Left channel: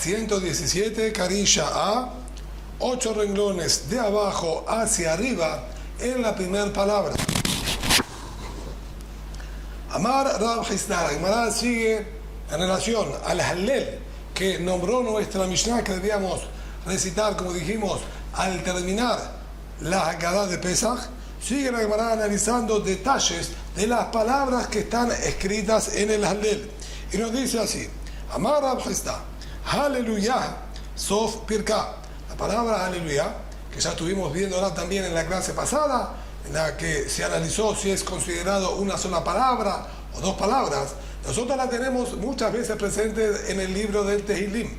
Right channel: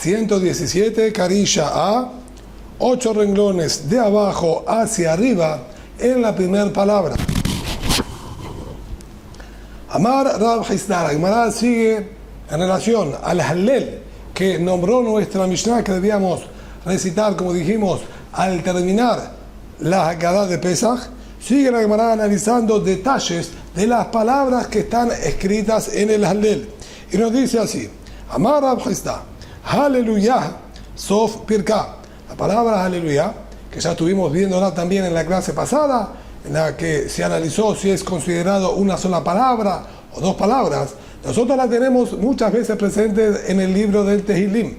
117, Karilla A, 8 renglones de abajo hacia arriba en la primera palabra. Amar Rab Hisda, la Gemara sigue en relación al Hallel que nombró nuestra Mishnah, que debíamos recitar, como dijimos, al terminar la Haggadah de Pesach. Sigue la Gemara analizando detalles de las palabras que están escritas en el Hallel. Y nos dice así: Amar Rab Hisda, Hallelujah, Sof Pirka. La palabra Hallelujah, que ya estuvimos viéndola también en la clase pasada, en la que se analizó si es considerado una sola palabra o dos palabras. Nosotros la tenemos muchas veces presentes en el libro del Tehilim.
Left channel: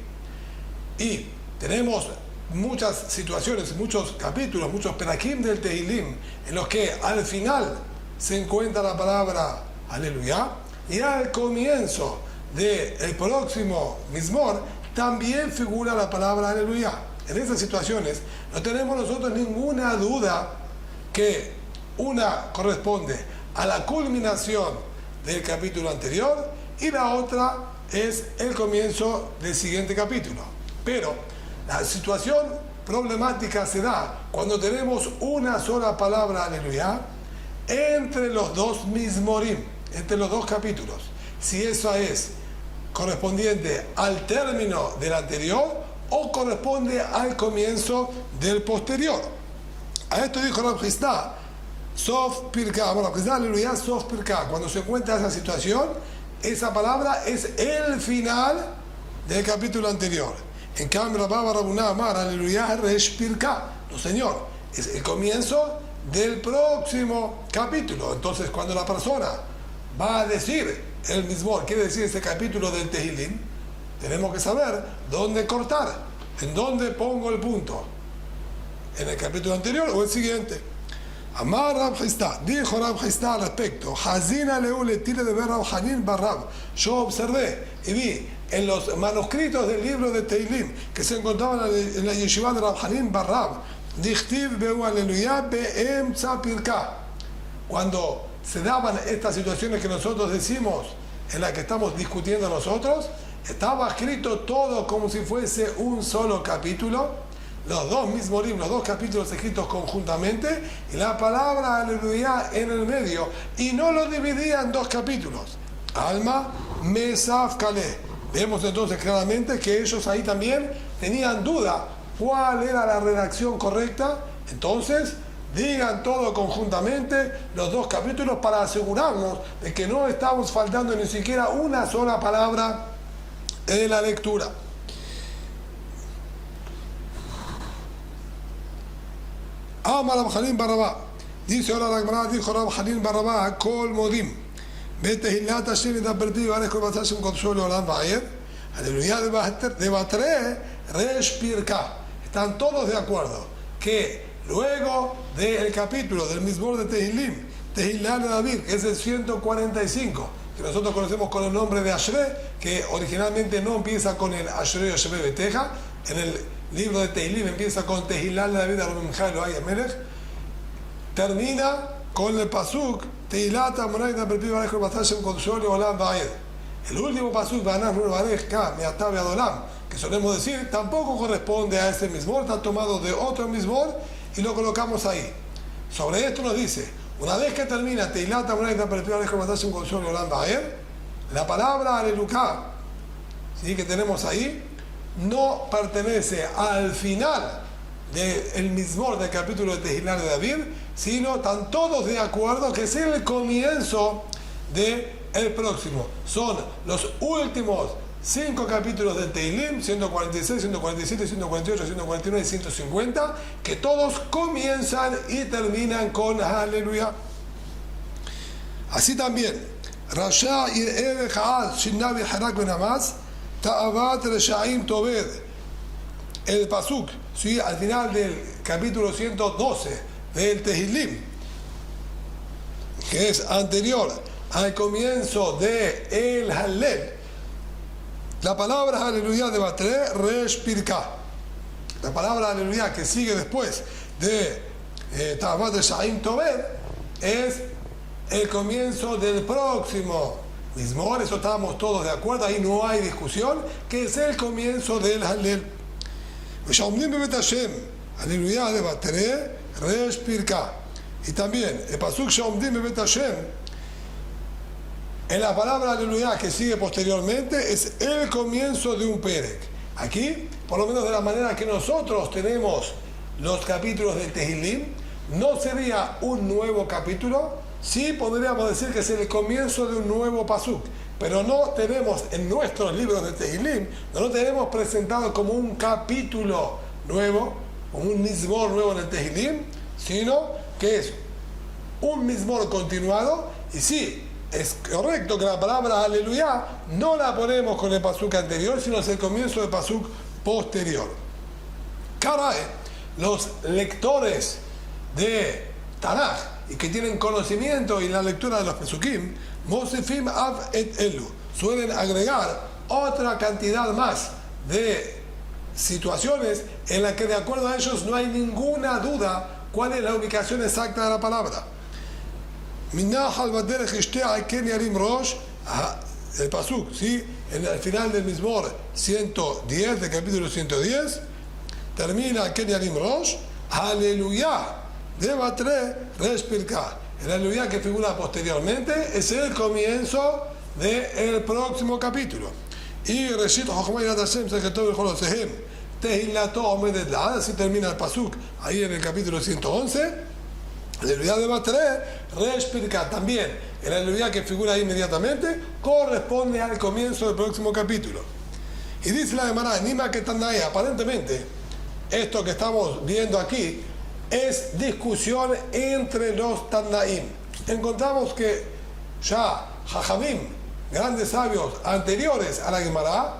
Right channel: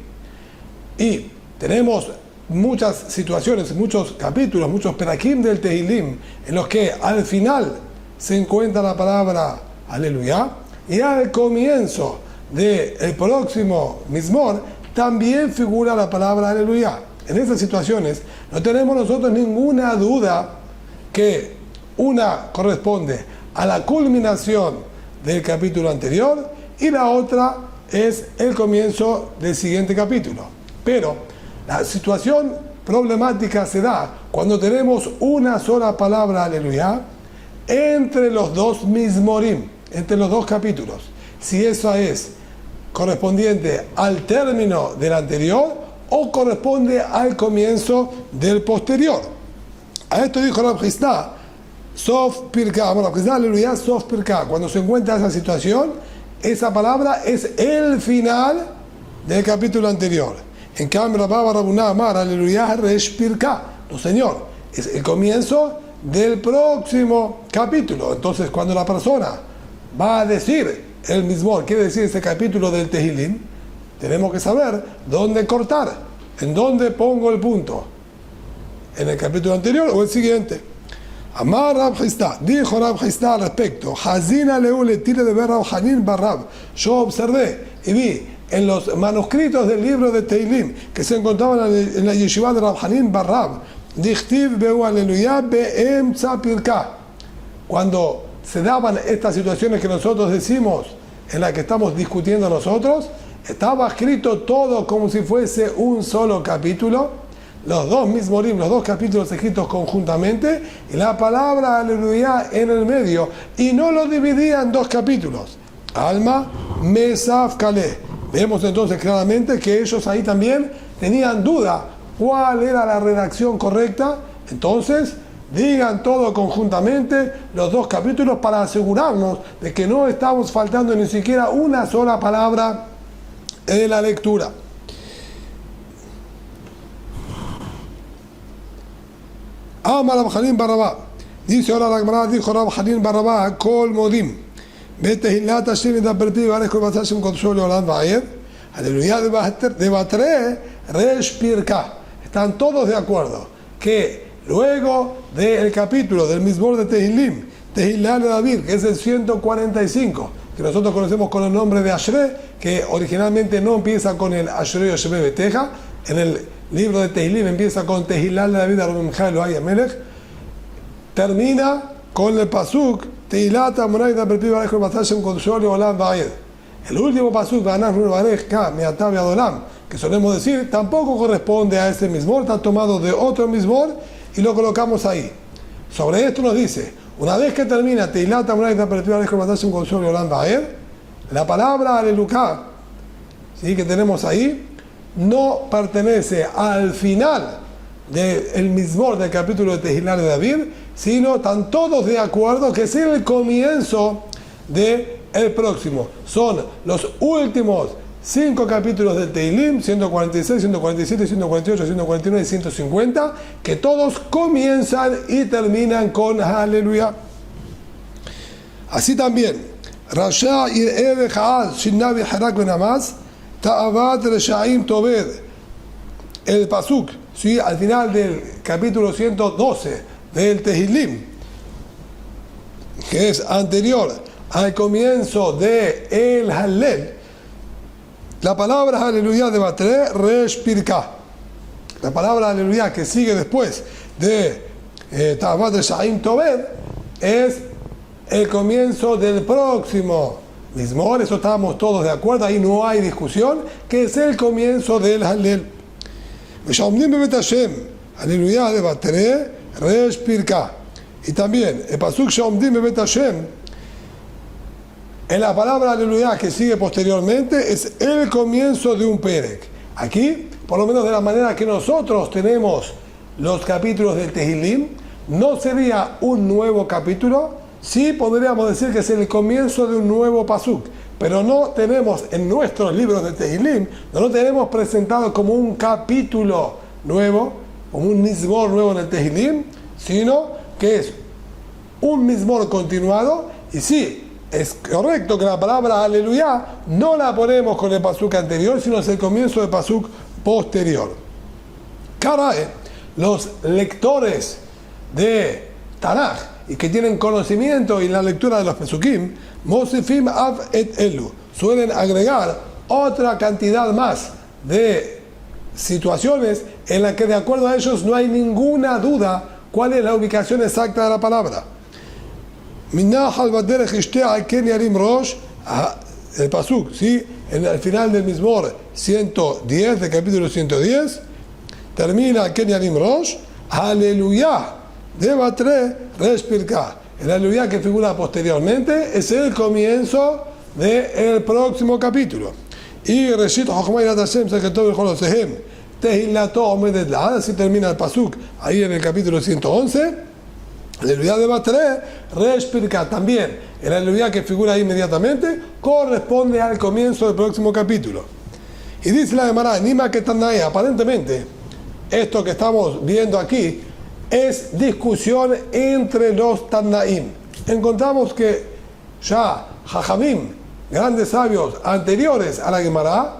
Y tenemos muchas situaciones, muchos capítulos, muchos perakim del Tehilim, en los que al final se encuentra la palabra Aleluya, y al comienzo del próximo Mizmor también figura la palabra Aleluya. En esas situaciones no tenemos nosotros ninguna duda que una corresponde a la culminación del capítulo anterior y la otra es el comienzo del siguiente capítulo. Pero la situación problemática se da cuando tenemos una sola palabra Aleluya entre los dos Mizmorim, entre los dos capítulos. Si eso es correspondiente al término del anterior o corresponde al comienzo del posterior. A esto dijo Rab Hisda, Sof Pirka, Rab Hisda, Aleluya, Sof Pirka. Cuando se encuentra esa situación, esa palabra es el final del capítulo anterior. En cambio, Rabba Rabuná Amar, Aleluya, Resh Pirka. No, señor, es el comienzo del próximo capítulo. Entonces, cuando la persona va a decir el Mizmor, quiere decir ese capítulo del Tehilim, tenemos que saber dónde cortar, en dónde pongo el punto, en el capítulo anterior o el siguiente. Amar Rab Hisda, dijo Rab Hisda al respecto, Hazina Leu le tire de ver Rab Hanin Barrab. Yo observé y vi en los manuscritos del libro de Tehilim que se encontraban en la yeshiva de Rab Hanin Barrab, Dichtiv Beu Aleluya Be'em Tzapirka. Cuando se daban estas situaciones que nosotros decimos, en las que estamos discutiendo nosotros, estaba escrito todo como si fuese un solo capítulo, los dos Mizmorim, los dos capítulos escritos conjuntamente, y la palabra Aleluya en el medio, y no lo dividía en dos capítulos. Alma, Mesaf, Kaleh. Vemos entonces claramente que ellos ahí también tenían duda cuál era la redacción correcta. Entonces, digan todo conjuntamente, los dos capítulos, para asegurarnos de que no estamos faltando ni siquiera una sola palabra en la lectura. Amar Rab Hanin Barrabá, dice ahora la Gemara, dijo Rab Hanin Barrabá, Kol Modim, Betehilat Hashem Yidaberti V'Arech Kol B'Atzah Hashem Kodshol Le'olam Va'ed, Aleluya de Batre Resh Pirka. Están todos de acuerdo que luego del capítulo del Mizmor de Tehilim, Tehillah de David, que es el 145, que nosotros conocemos con el nombre de Ashrei, que originalmente no empieza con el Ashrei Yoshebe Beteja, en el libro de Tehilim empieza con Tehillah de David, Arumimcha Elohai Amelech, termina con el pasuk Tehillah Tamunay Daberpi V'Arech Kol B'Atzah Hashem Kodshol Le'olam Va'ed. El último pasuk, V'Anach V'Arech Ka Me'atah V'Ad Olam, que solemos decir, tampoco corresponde a ese Mizmor, está tomado de otro Mizmor y lo colocamos ahí. Sobre esto nos dice, una vez que termina Tehillah Tamunay Daberpi V'Arech Kol B'Atzah Hashem Kodshol Le'olam Va'ed, la palabra Aleluya, ¿sí?, que tenemos ahí, no pertenece al final del Mizmor del capítulo de Tehillah de David, sino están todos de acuerdo que es el comienzo del próximo. Son los últimos 5 capítulos del Tehilim, 146, 147, 148, 149 y 150, que todos comienzan y terminan con Aleluya. Así también, Rasha y Eve Haaz, Shinnabi Harak Benamaz, Ta'abat Reshaim Toved, el pasuk, ¿sí?, al final del capítulo 112 del Tehilim, que es anterior al comienzo de el Hallel, la palabra Aleluya de Batre Resh Pirka. La palabra Aleluya que sigue después de Ta'abat Reshaim Toved es el comienzo del próximo Mismor, eso estábamos todos de acuerdo, ahí no hay discusión, que es el comienzo del Hallel. Aleluya de Batre, Resh Pirka. Y también, el Pasuk Shomdim Bebet Hashem, en la palabra Aleluya que sigue posteriormente, es el comienzo de un Perek. Aquí, por lo menos de la manera que nosotros tenemos los capítulos de Tehilim, no sería un nuevo capítulo, sí podríamos decir que es el comienzo de un nuevo Pasuk, pero no tenemos en nuestros libros de Tehilim, no lo tenemos presentado como un capítulo nuevo, como un Mizmor nuevo en el Tehilim, sino que es un Mizmor continuado, y sí, es correcto que la palabra Aleluya no la ponemos con el Pasuk anterior, sino es el comienzo del Pasuk posterior. Karae, los lectores de Tanaj y que tienen conocimiento en la lectura de los Pesukim, Mosefim Av et Elu, suelen agregar otra cantidad más de situaciones en las que de acuerdo a ellos no hay ninguna duda cuál es la ubicación exacta de la palabra. El Pasuk, ¿sí? En el final del Mizmor 110, del capítulo 110, termina Ken Yarim Rosh, Aleluya de Batre Resh Pirka. El Aleluya que figura posteriormente es el comienzo del próximo capítulo. Y Reshit Chochma Yirat Hashem Seketov Bechol Osehem Tehilato Omedet La'ad, así termina el Pasuk ahí en el capítulo 111. Aleluya de Batre Resh Pirka. También el Aleluya que figura ahí inmediatamente corresponde al comienzo del próximo capítulo. Y dice la Gemara, Nima Ketanai, aparentemente esto que estamos viendo aquí es discusión entre los Tannaim. Encontramos que ya Jajamim, grandes sabios anteriores a la Gemara,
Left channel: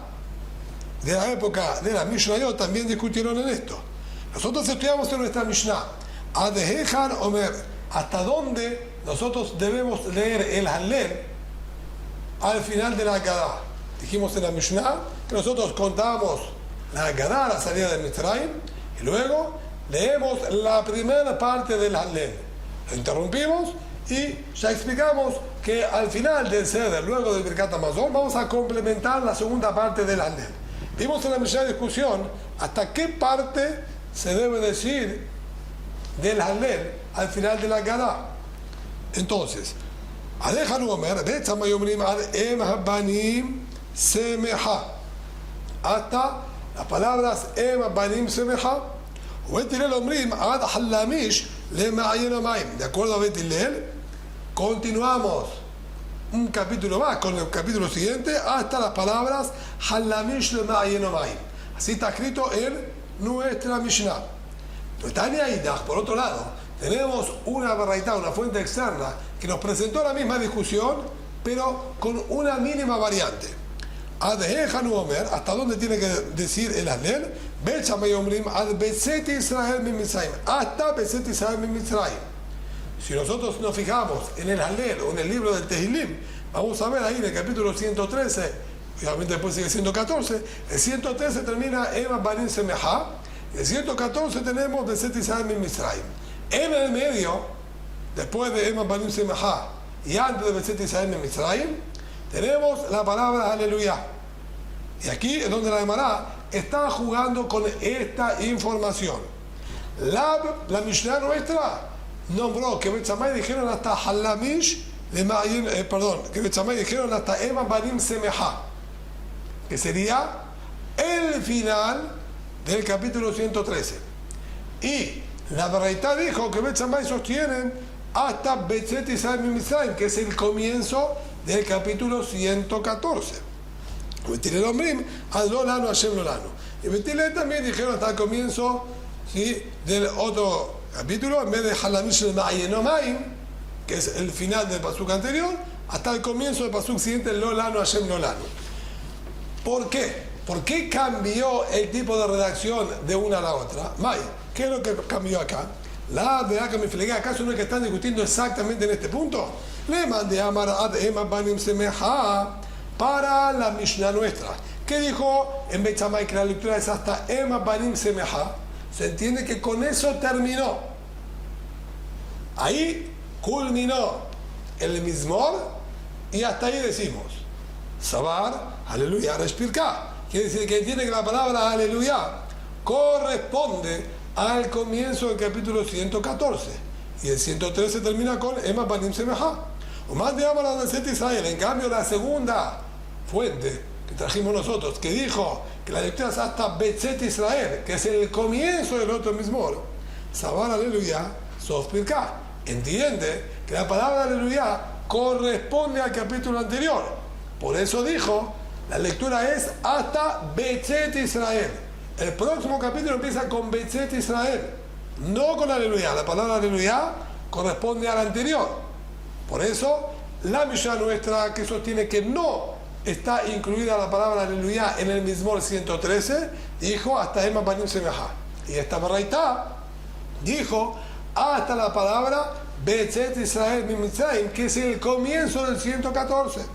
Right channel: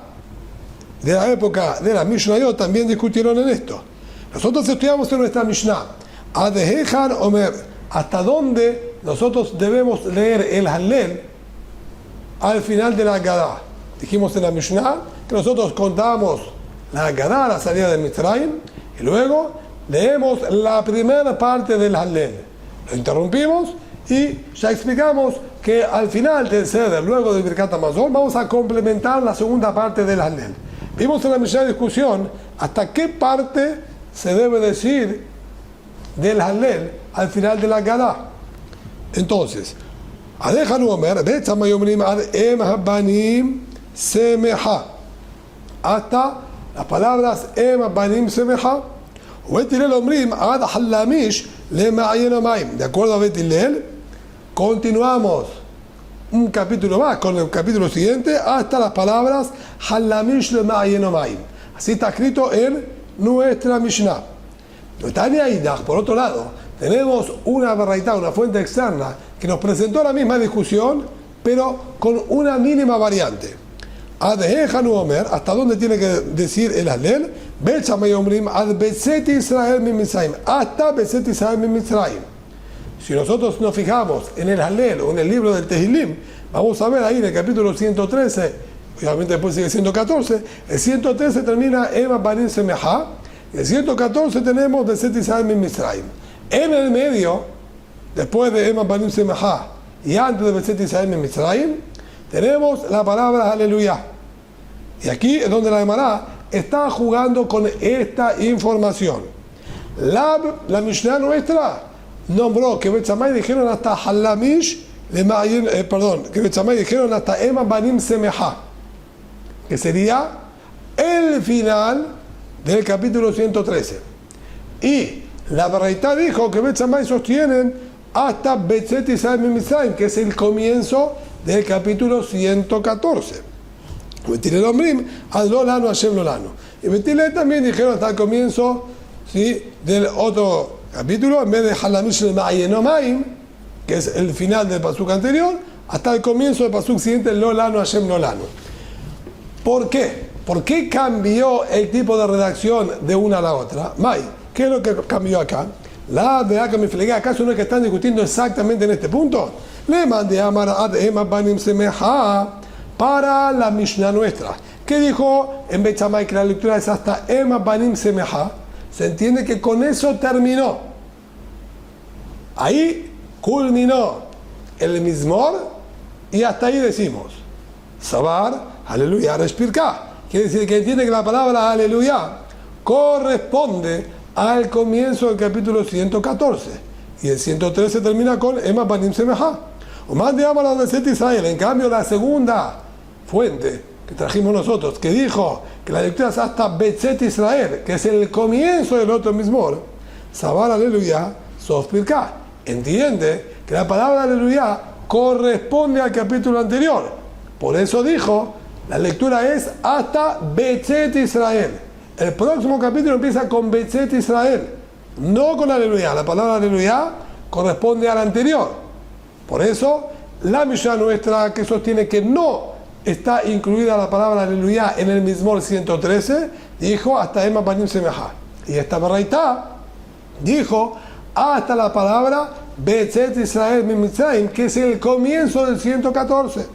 de la época de la Mishnayot, también discutieron en esto. Nosotros estudiamos en nuestra Mishnah, Adehejan Omer, hasta dónde nosotros debemos leer el Hallel al final de la Haggadah. Dijimos en la Mishnah que nosotros contábamos la Haggadah, la salida de Mitzrayim, y luego leemos la primera parte del Hallel. Lo interrumpimos y ya explicamos que al final del Seder, luego del Birkat Hamazon, vamos a complementar la segunda parte del Hallel. Vimos en la misma discusión hasta qué parte se debe decir del Hallel al final de la Haggadah. Entonces, Adejanu Omer, Betzamay Ad Em Habanim Semeha, hasta las palabras Em Habanim Semeha. Betilel Omrim Ad Hallamish Le Ma'ayen Omaim. De acuerdo a Betilel, continuamos un capítulo más con el capítulo siguiente hasta las palabras Hallamish Le Ma'ayen Omaim. Así está escrito en nuestra Mishnah. Tania Idach, por otro lado, tenemos una baraita, una fuente externa que nos presentó la misma discusión, pero con una mínima variante. Adehanu Omer, hasta dónde tiene que decir el Hallel, Bechamay Omrim, Ad Beset Israel min Mitzrayim, hasta Beset Israel min Mitzrayim. Si nosotros nos fijamos en el Hallel o en el libro del Tehilim, vamos a ver ahí en el capítulo 113, obviamente después sigue 114, el 113 termina Ema Banim Semeha, y el 114 tenemos Beset Israel min Mitzrayim. En el medio, después de Ema Banim Semeha y antes de Beset Israel min Mitzrayim, tenemos la palabra Aleluya. Y aquí es donde la Gemara está jugando con esta información. La Mishnah nuestra nombró que Betzamay dijeron hasta Hallamish, que Betzamay dijeron hasta Ema Banim Semeha, que sería el final del capítulo 113. Y la Baraita dijo que Betzamay sostienen hasta Betzet Israel min Mitzrayim, que es el comienzo del capítulo 114. Betilel Omrim, Ad Lo Lanu Hashem Lo Lanu. Y Betilel también dijeron hasta el comienzo, ¿sí?, del otro capítulo, en vez de Hallamish Le Ma'ayen Omaim, que es el final del pasuk anterior, hasta el comienzo del pasuk siguiente, Lo Lanu Hashem Lo Lanu. ¿Por qué? ¿Por qué cambió el tipo de redacción de una a la otra? May, ¿qué es lo que cambió acá? La verdad que me flegué, ¿acaso no es que están discutiendo exactamente en este punto? Le mandé a Amar Ad Ema Banim Semeha para la Mishnah nuestra. ¿Qué dijo en Betzamay? Que la lectura es hasta Ema Banim Semeha. Se entiende que con eso terminó. Ahí culminó el Mizmor y hasta ahí decimos. Sabar, aleluya, respirká. Quiere decir que entiende que la palabra aleluya corresponde al comienzo del capítulo 114. Y el 113 termina con Ema Banim Semejá. O más de Amar al Israel. En cambio, la segunda fuente que trajimos nosotros, que dijo que la lectura es hasta Betzet Israel, que es el comienzo del otro mismor, Sabar aleluya, Sofpirká. Entiende que la palabra aleluya corresponde al capítulo anterior. Por eso dijo, la lectura es hasta Betzet Israel. El próximo capítulo empieza con Betzet Israel, no con aleluya. La palabra aleluya corresponde al anterior. Por eso, la Mishnah nuestra que sostiene que no está incluida la palabra aleluya en el Mizmor 113, dijo hasta Ema Banim Semejá. Y esta Baraitá dijo hasta la palabra Betzet Israel min Mitzrayim, que es el comienzo del 114.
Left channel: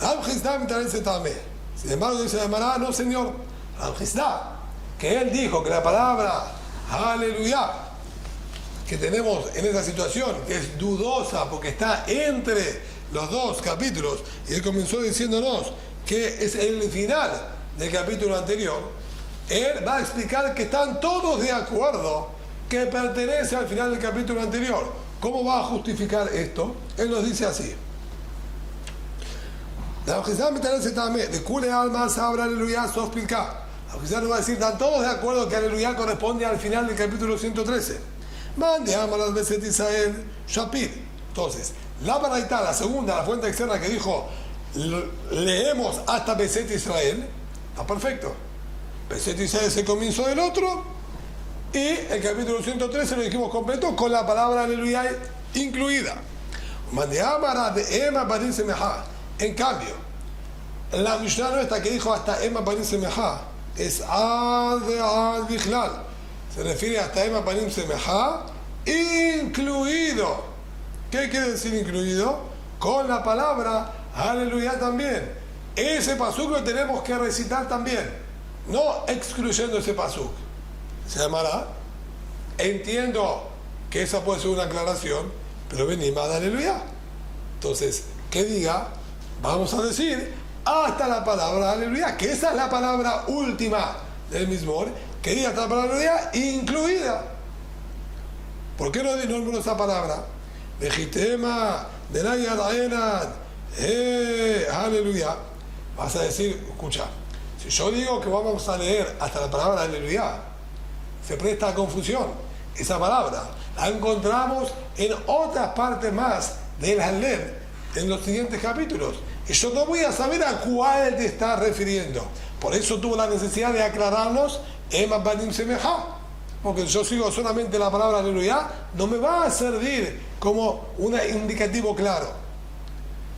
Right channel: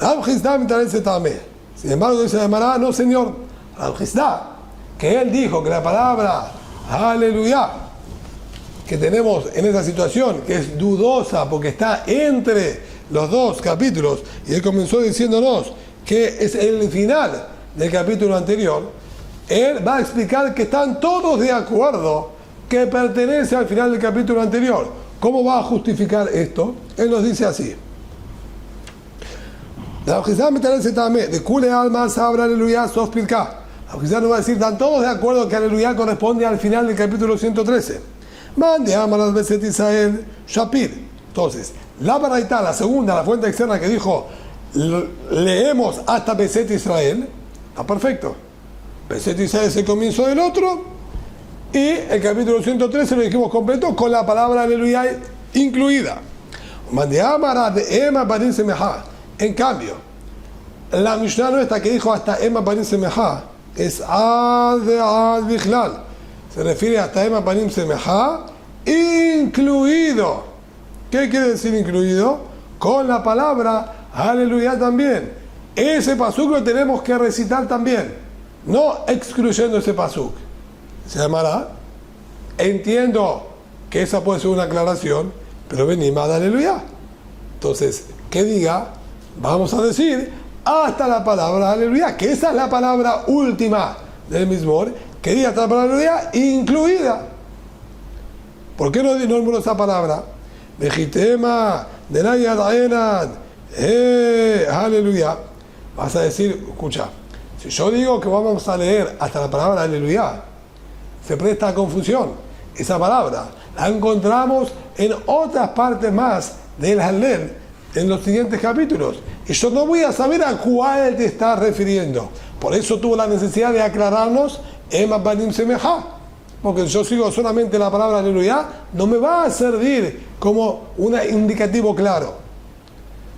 Rab Chisda me interesa también. Sin embargo, dice la Gemara, no señor. Rab Chisda, que él dijo que la palabra aleluya que tenemos en esa situación, que es dudosa porque está entre los dos capítulos, y él comenzó diciéndonos que es el final del capítulo anterior, él va a explicar que están todos de acuerdo que pertenece al final del capítulo anterior. ¿Cómo va a justificar esto? Él nos dice así. La Ojizá me interesa también, de Kule Alma Sabra Aleluya Sofpilká. La Ojizá nos va a decir, están todos de acuerdo que Aleluya corresponde al final del capítulo 113. Mande Amar al Beset Israel Shapir. Entonces, la Baraitá, la segunda, la fuente externa que dijo, leemos hasta Beset Israel, está perfecto. Beset Israel es el comienzo del otro, y el capítulo 113 lo dijimos completo con la palabra aleluya incluida. Mande Amar de Ema Banim Semejá. En cambio, la Mishnah nuestra que dijo hasta Ema Banim Semejá es Ad Bichlal. Se refiere hasta Ema Banim Semejá incluido. ¿Qué quiere decir incluido? Con la palabra aleluya también. Ese pasuk lo tenemos que recitar también, no excluyendo ese pasuk. Se llamará. Entiendo que esa puede ser una aclaración, pero venimos a aleluya. Entonces, que diga, vamos a decir hasta la palabra aleluya, que esa es la palabra última del Mizmor, que diga hasta la palabra aleluya incluida. ¿Por qué no nombro esa palabra? Vejitema, denaya daenan, aleluya. Vas a decir, escucha, si yo digo que vamos a leer hasta la palabra aleluya, se presta a confusión. Esa palabra la encontramos en otras partes más del Hallel en los siguientes capítulos, y yo no voy a saber a cuál te estás refiriendo. Por eso tuvo la necesidad de aclararnos Ema Banim Semejá, porque yo sigo solamente la palabra aleluya, no me va a servir como un indicativo claro.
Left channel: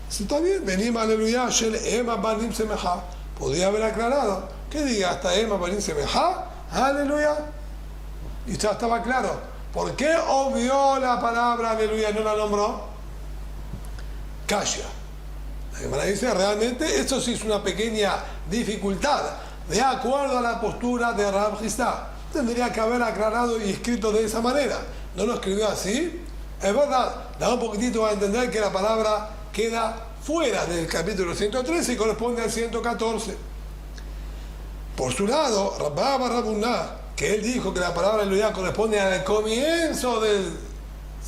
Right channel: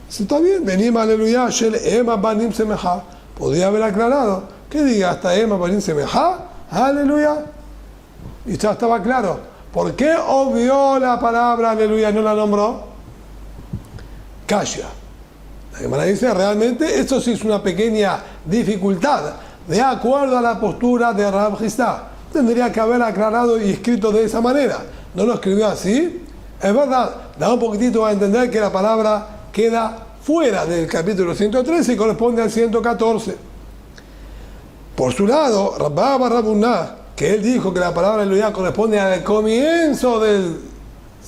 Si está bien, venimos aleluya, Shel Ema Banim Semejá, podría haber aclarado que diga hasta Ema Banim Semejá, aleluya, y ya estaba claro. ¿Por qué obvió la palabra aleluya y no la nombró? Kasha. La Gemara dice, realmente esto sí es una pequeña dificultad, de acuerdo a la postura de Rab Chisda. Tendría que haber aclarado y escrito de esa manera. No lo escribió así. Es verdad, da un poquitito a entender que la palabra queda fuera del capítulo 113 y corresponde al 114. Por su lado, Rabba Barrabuná, que él dijo que la palabra aleluya corresponde al comienzo del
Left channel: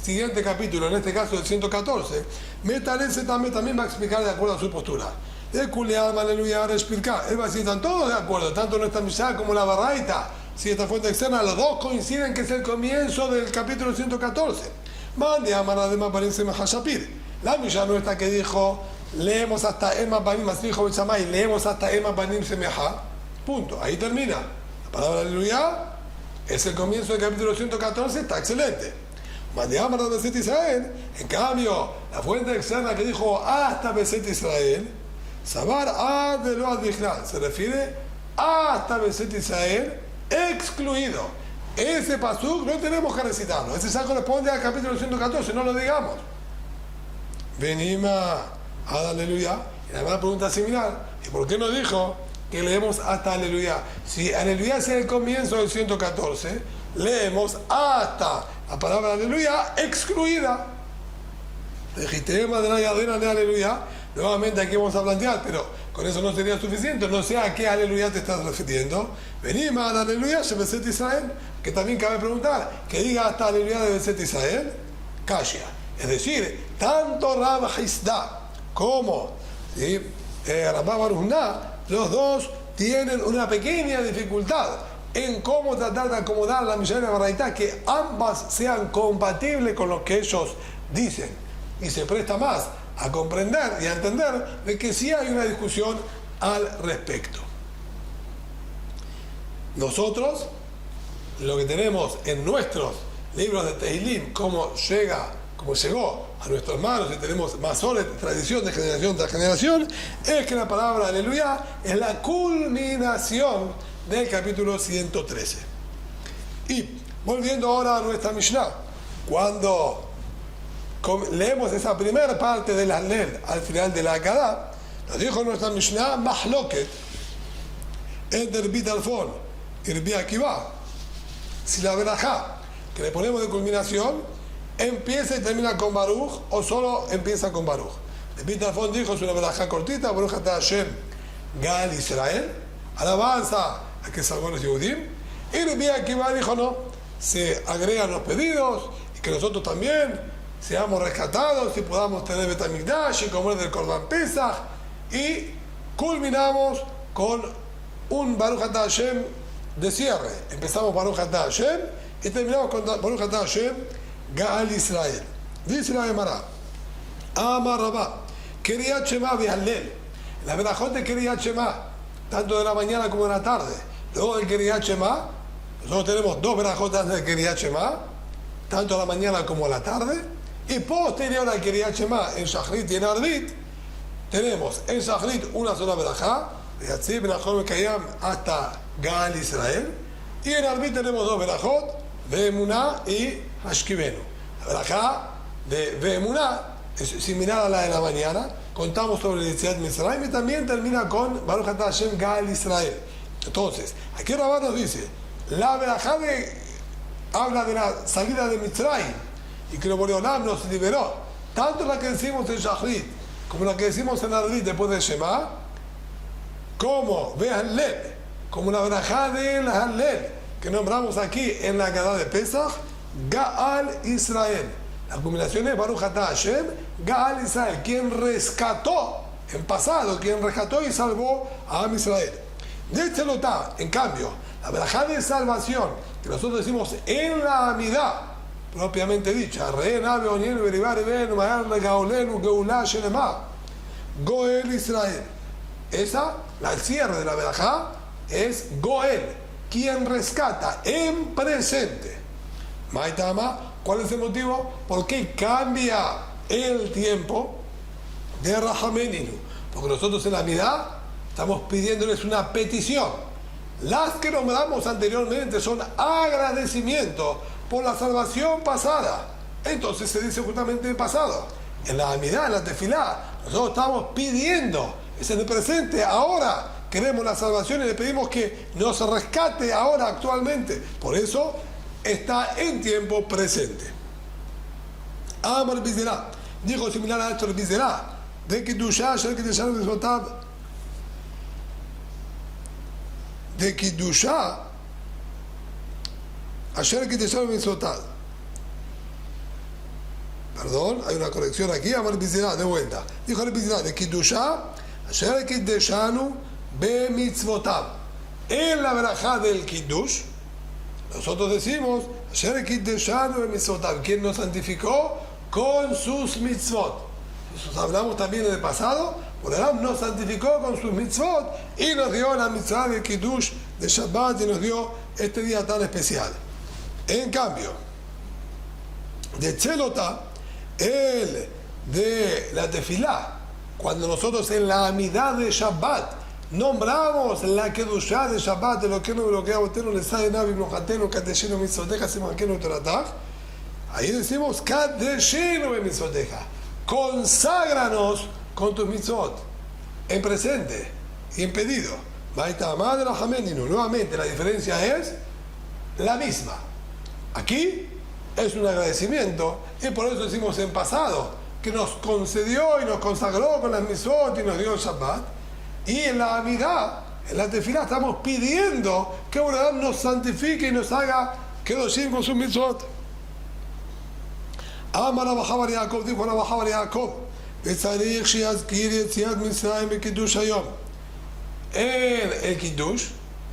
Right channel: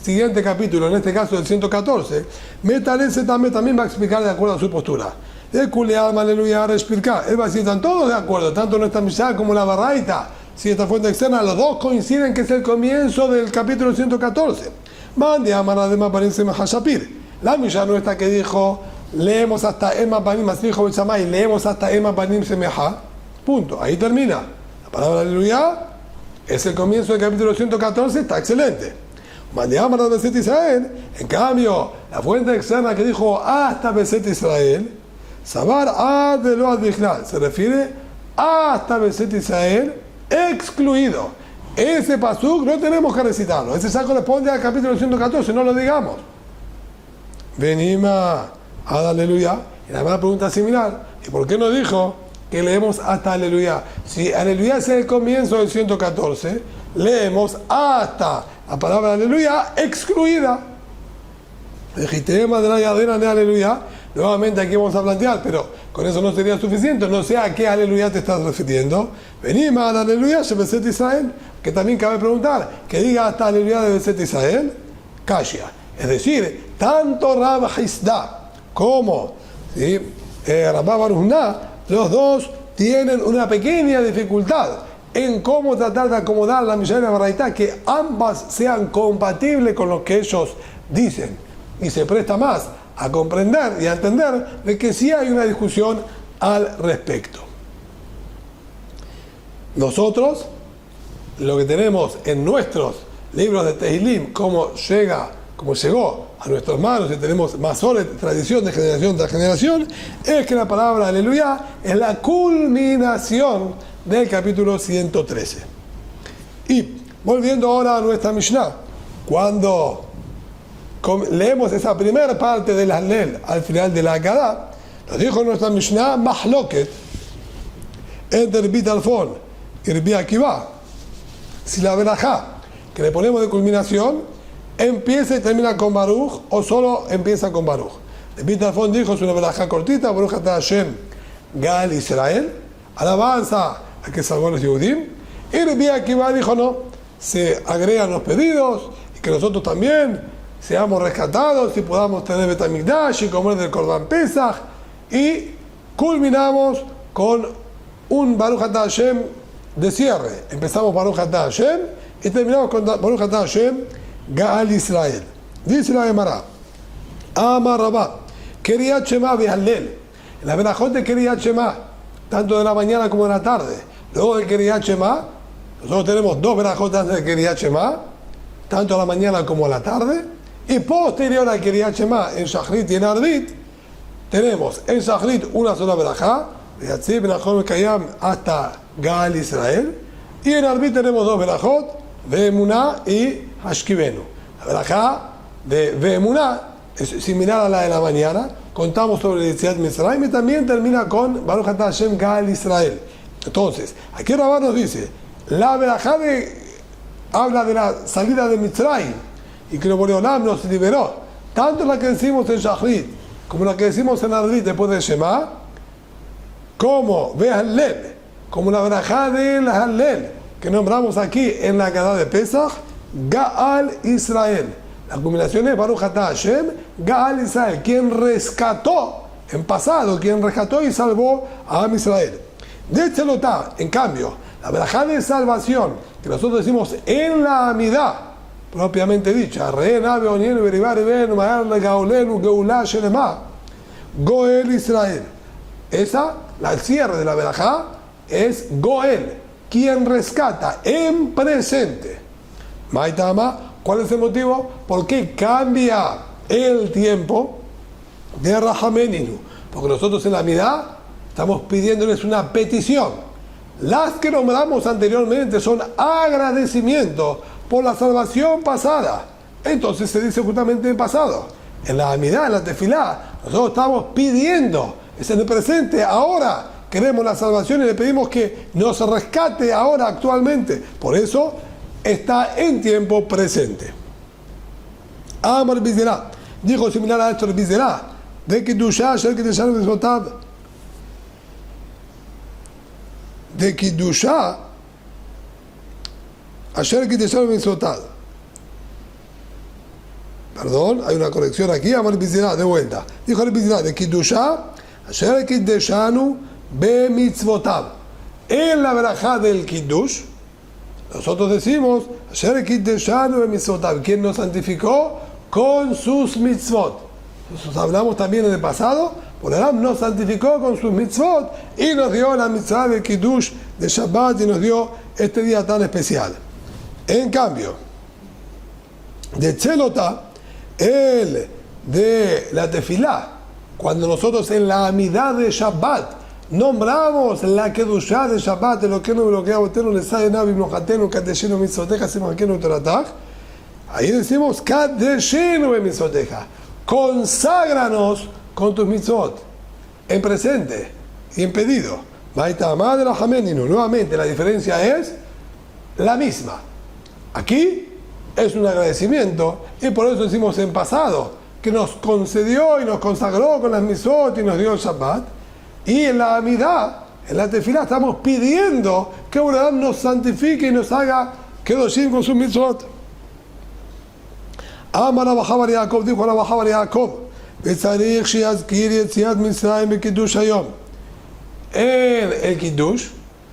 siguiente capítulo, en este caso del 114, Metalese también va a explicar de acuerdo a su postura. El Kulealma aleluya explicar. Él va a decir, están todos de acuerdo, tanto nuestra Mishnah como la Baraita, si esta fuente externa, los dos coinciden que es el comienzo del capítulo 114. Mande a Maradema Banim Mahashapir. La Mishnah nuestra que dijo, leemos hasta Ema Banim, así dijo Bechamay, leemos hasta Ema Banim Semejá. Punto. Ahí termina. La palabra aleluya es el comienzo del capítulo 114, está excelente. Mande a Beset Israel. En cambio, la fuente externa que dijo hasta Beset Israel, Sabar ad lo ad Bichlal, se refiere hasta Beset Israel excluido. Ese pasuk no tenemos que recitarlo. Ese ya corresponde al capítulo 114, no lo digamos. Venima ad aleluya. Y la misma pregunta similar. ¿Y por qué no dijo que leemos hasta aleluya? Si aleluya es el comienzo del 114, leemos hasta la palabra aleluya excluida. Legitema de la Yadena de aleluya. Nuevamente aquí vamos a plantear, pero con eso no sería suficiente. No sé a qué aleluya te estás refiriendo. Venimos al aleluya de Beset Israel, que también cabe preguntar, que diga hasta aleluya de Beset Israel. Kashia. Es decir, tanto Rab Hisda como Rabba Baruch Na, los dos tienen una pequeña dificultad en cómo tratar de acomodar la Mishnah y la Baraita, que ambas sean compatibles con lo que ellos dicen. Y se presta más a comprender y a entender de que sí hay una discusión al respecto. Nosotros, lo que tenemos en nuestros libros de Tehilim, como llegó a nuestras manos y tenemos más tradición de generación tras generación, es que la palabra aleluya es la culminación del capítulo 113. Y volviendo ahora a nuestra Mishnah, cuando leemos esa primera parte del Hallel al final de la Haggadah, nos dijo nuestra Mishnah Mahloket entre Rabbi Tarfon y Rabbi Akiva, si la verajá que le ponemos de culminación empieza y termina con Baruch o solo empieza con Baruch. Rabbi Tarfon dijo, es una verajá cortita, Baruch atah Hashem Gal Israel, alabanza a que salvó a los Yehudim. Y Rabbi Akiva dijo, no, se agregan los pedidos y que nosotros también seamos rescatados y podamos tener Beit HaMikdash y comer del Korban Pesach, y culminamos con un Baruch atah Hashem de cierre. Empezamos Baruch atah Hashem y terminamos con Baruch atah Hashem Gaal Israel. Dice la Gemara, Amar Rabá, Kriyat Shema v'Hallel. En la verajot de Kriyat Shema, tanto de la mañana como de la tarde, luego de Kriyat Shema, nosotros tenemos dos verajot antes de Kriyat Shema, tanto a la mañana como a la tarde. Y posterior a Kriyat Shema, en Shachrit y en Arbit, tenemos en Shachrit una sola verajá, de Yatzib Benachon Mekayam hasta Gaal Israel, y en Arbit tenemos dos verajot, Ve'emuná y Hashkivenu. La verajá de Ve'emuná es similar a la de la mañana, contamos sobre el Yetziat Mitzrayim y también termina con Baruch atah Hashem Gaal Israel. Entonces, aquí Rabá nos dice, la verajá habla de la salida de Mitzrayim, y que el Boreolam nos liberó, tanto la que decimos en Shachrit como la que decimos en Arbit después de Shema, como Hallel, como la verajá del Hallel que nombramos aquí en la Haggadah de Pesach, Gaal Israel. La culminación es Baruch atah Hashem Gaal Israel, quien rescató en pasado, quien rescató y salvó a Am Israel. De este lotá, en cambio, la verajá de salvación que nosotros decimos en la Amidá propiamente dicha, Goel Israel. Esa, el cierre de la verajá, es Goel, quien rescata en presente. Maitama, ¿cuál es el motivo? ¿Por qué cambia el tiempo de Rajameninu? Porque nosotros en la Midá estamos pidiéndoles una petición. Las que nombramos anteriormente son agradecimiento por la salvación pasada. Entonces se dice justamente en pasado. En la Amidá, en la Tefilá, nosotros estamos pidiendo, es en el presente, ahora queremos la salvación y le pedimos que nos rescate ahora, actualmente. Por eso está en tiempo presente. Amar Bizerá, dijo similar a esto el Bizerá, de Kiddushá, Asher Kiddushá Mitzvotav, de Kiddushá, Asher Kiddushá Mitzvotav. Perdón, hay una corrección aquí, Amar Bizerá, de vuelta. Dijo el Bizerá, de Kiddushá, Asher Kiddushanu Be Mitzvotav. En la verajá del Kiddush, nosotros decimos, Asher Kiddushanu Be Mitzvotav, quien nos santificó con sus mitzvot. Nosotros hablamos también en el pasado, Boreolam nos santificó con sus mitzvot y nos dio la mitzvah del Kiddush de Shabbat y nos dio este día tan especial. En cambio, de Tzelotá, el de la Tefilá, cuando nosotros en la Amidá de Shabbat nombramos la Kedushá de Shabbat, lo que no bloqueaba Tenu, le sale Navi Mojatenu, Kadeshenu Mitzoteja, Simakenu Toratach, ahí decimos Kadeshenu Mitzoteja, conságranos con tus mitzvot, en presente y en pedido. Nuevamente la diferencia es la misma. Aquí es un agradecimiento y por eso decimos en pasado, que que nos concedió y nos consagró con las misot y nos dio el Shabbat. Y en la Amidá, en la tefilá, estamos pidiendo que Boreolam nos santifique y nos haga kedoshim con sus mitzvot. Amar Rabbi Bar Yaakov, dijo Rabbi Bar Yaakov, וצריך שיזכיר יציאת מצרים בקידוש היום. En el Kiddush,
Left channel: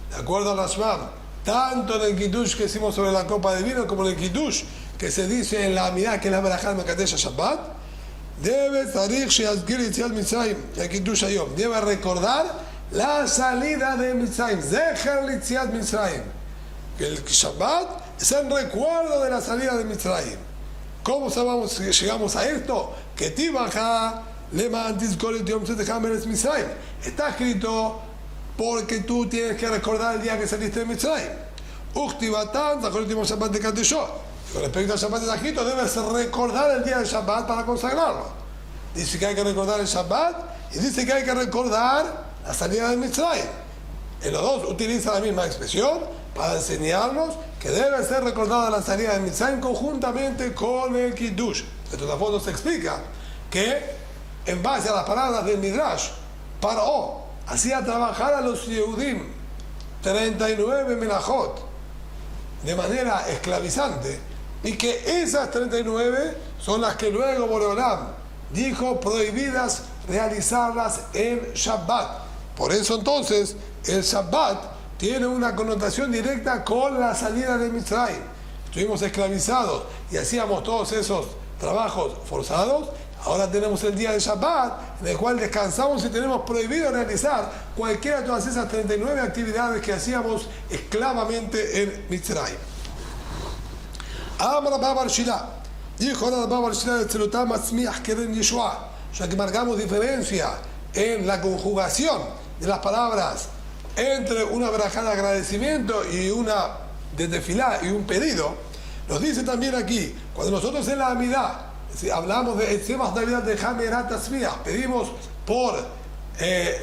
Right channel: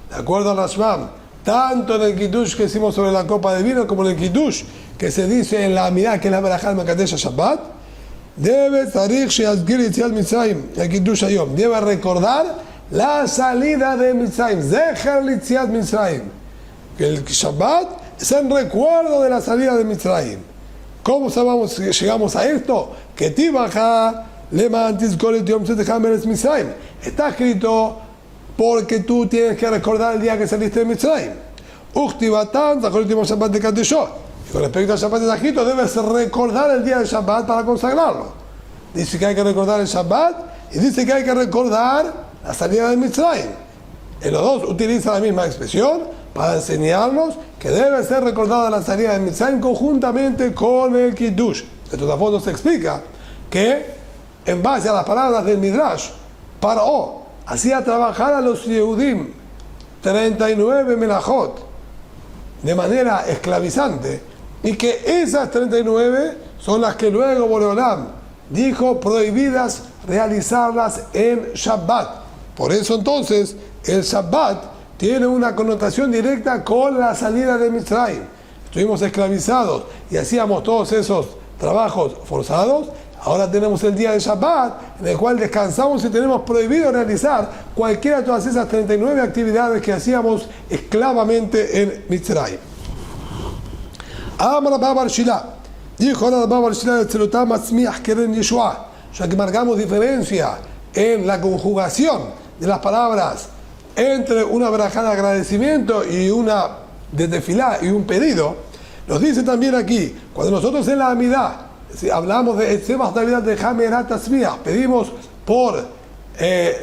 de acuerdo al Rashbam, tanto en el Kiddush que hicimos sobre la copa de vino como en el Kiddush que se dice en la Amidá, que es la Berajá del Makadesh Shabbat, debe recordar la salida de Mitzrayim. Zecher Litziat Mitzrayim. Que el Shabbat es el recuerdo de la salida de Mitzrayim. ¿Cómo llegamos a esto? Que Tibaja Leman Tizkor et Yom Tzedekah Meretz Mitzrayim. Está escrito porque tú tienes que recordar el día que saliste de Mitzrayim. Uchtivatan Zachor et Yom Shabbat de Kadeshot. Con respecto al Shabbat de Tajito, debes recordar el día del Shabbat para consagrarlo. Dice que hay que recordar el Shabbat y dice que hay que recordar la salida de Mitzrayim. En los dos utiliza la misma expresión para enseñarnos que debe ser recordada la salida de Mitzrayim conjuntamente con el Kiddush. De todas formas se explica que en base a las palabras del Midrash, Paró hacía trabajar a los Yehudim 39 melajot de manera esclavizante, y que esas 39 son las que luego Boreolam dijo prohibidas realizarlas en Shabbat. Por eso entonces el Shabbat tiene una connotación directa con la salida de Mitzrayim. Estuvimos esclavizados y hacíamos todos esos trabajos forzados. Ahora tenemos el día de Shabbat, en el cual descansamos y tenemos prohibido realizar cualquiera de todas esas 39 actividades que hacíamos esclavamente en Mitzrayim. Amar Rabbi Bar Shila, dijo Rabbi Bar Shila de Tzelotam Atzmiach Keren Yeshua, ya que marcamos diferencia en la conjugación de las palabras entre una verajá de agradecimiento y una de tefilá y un pedido. Nos dice también aquí, cuando nosotros en la Amidá hablamos de Etzebas Navidad de Hamerat Atzmiach, pedimos por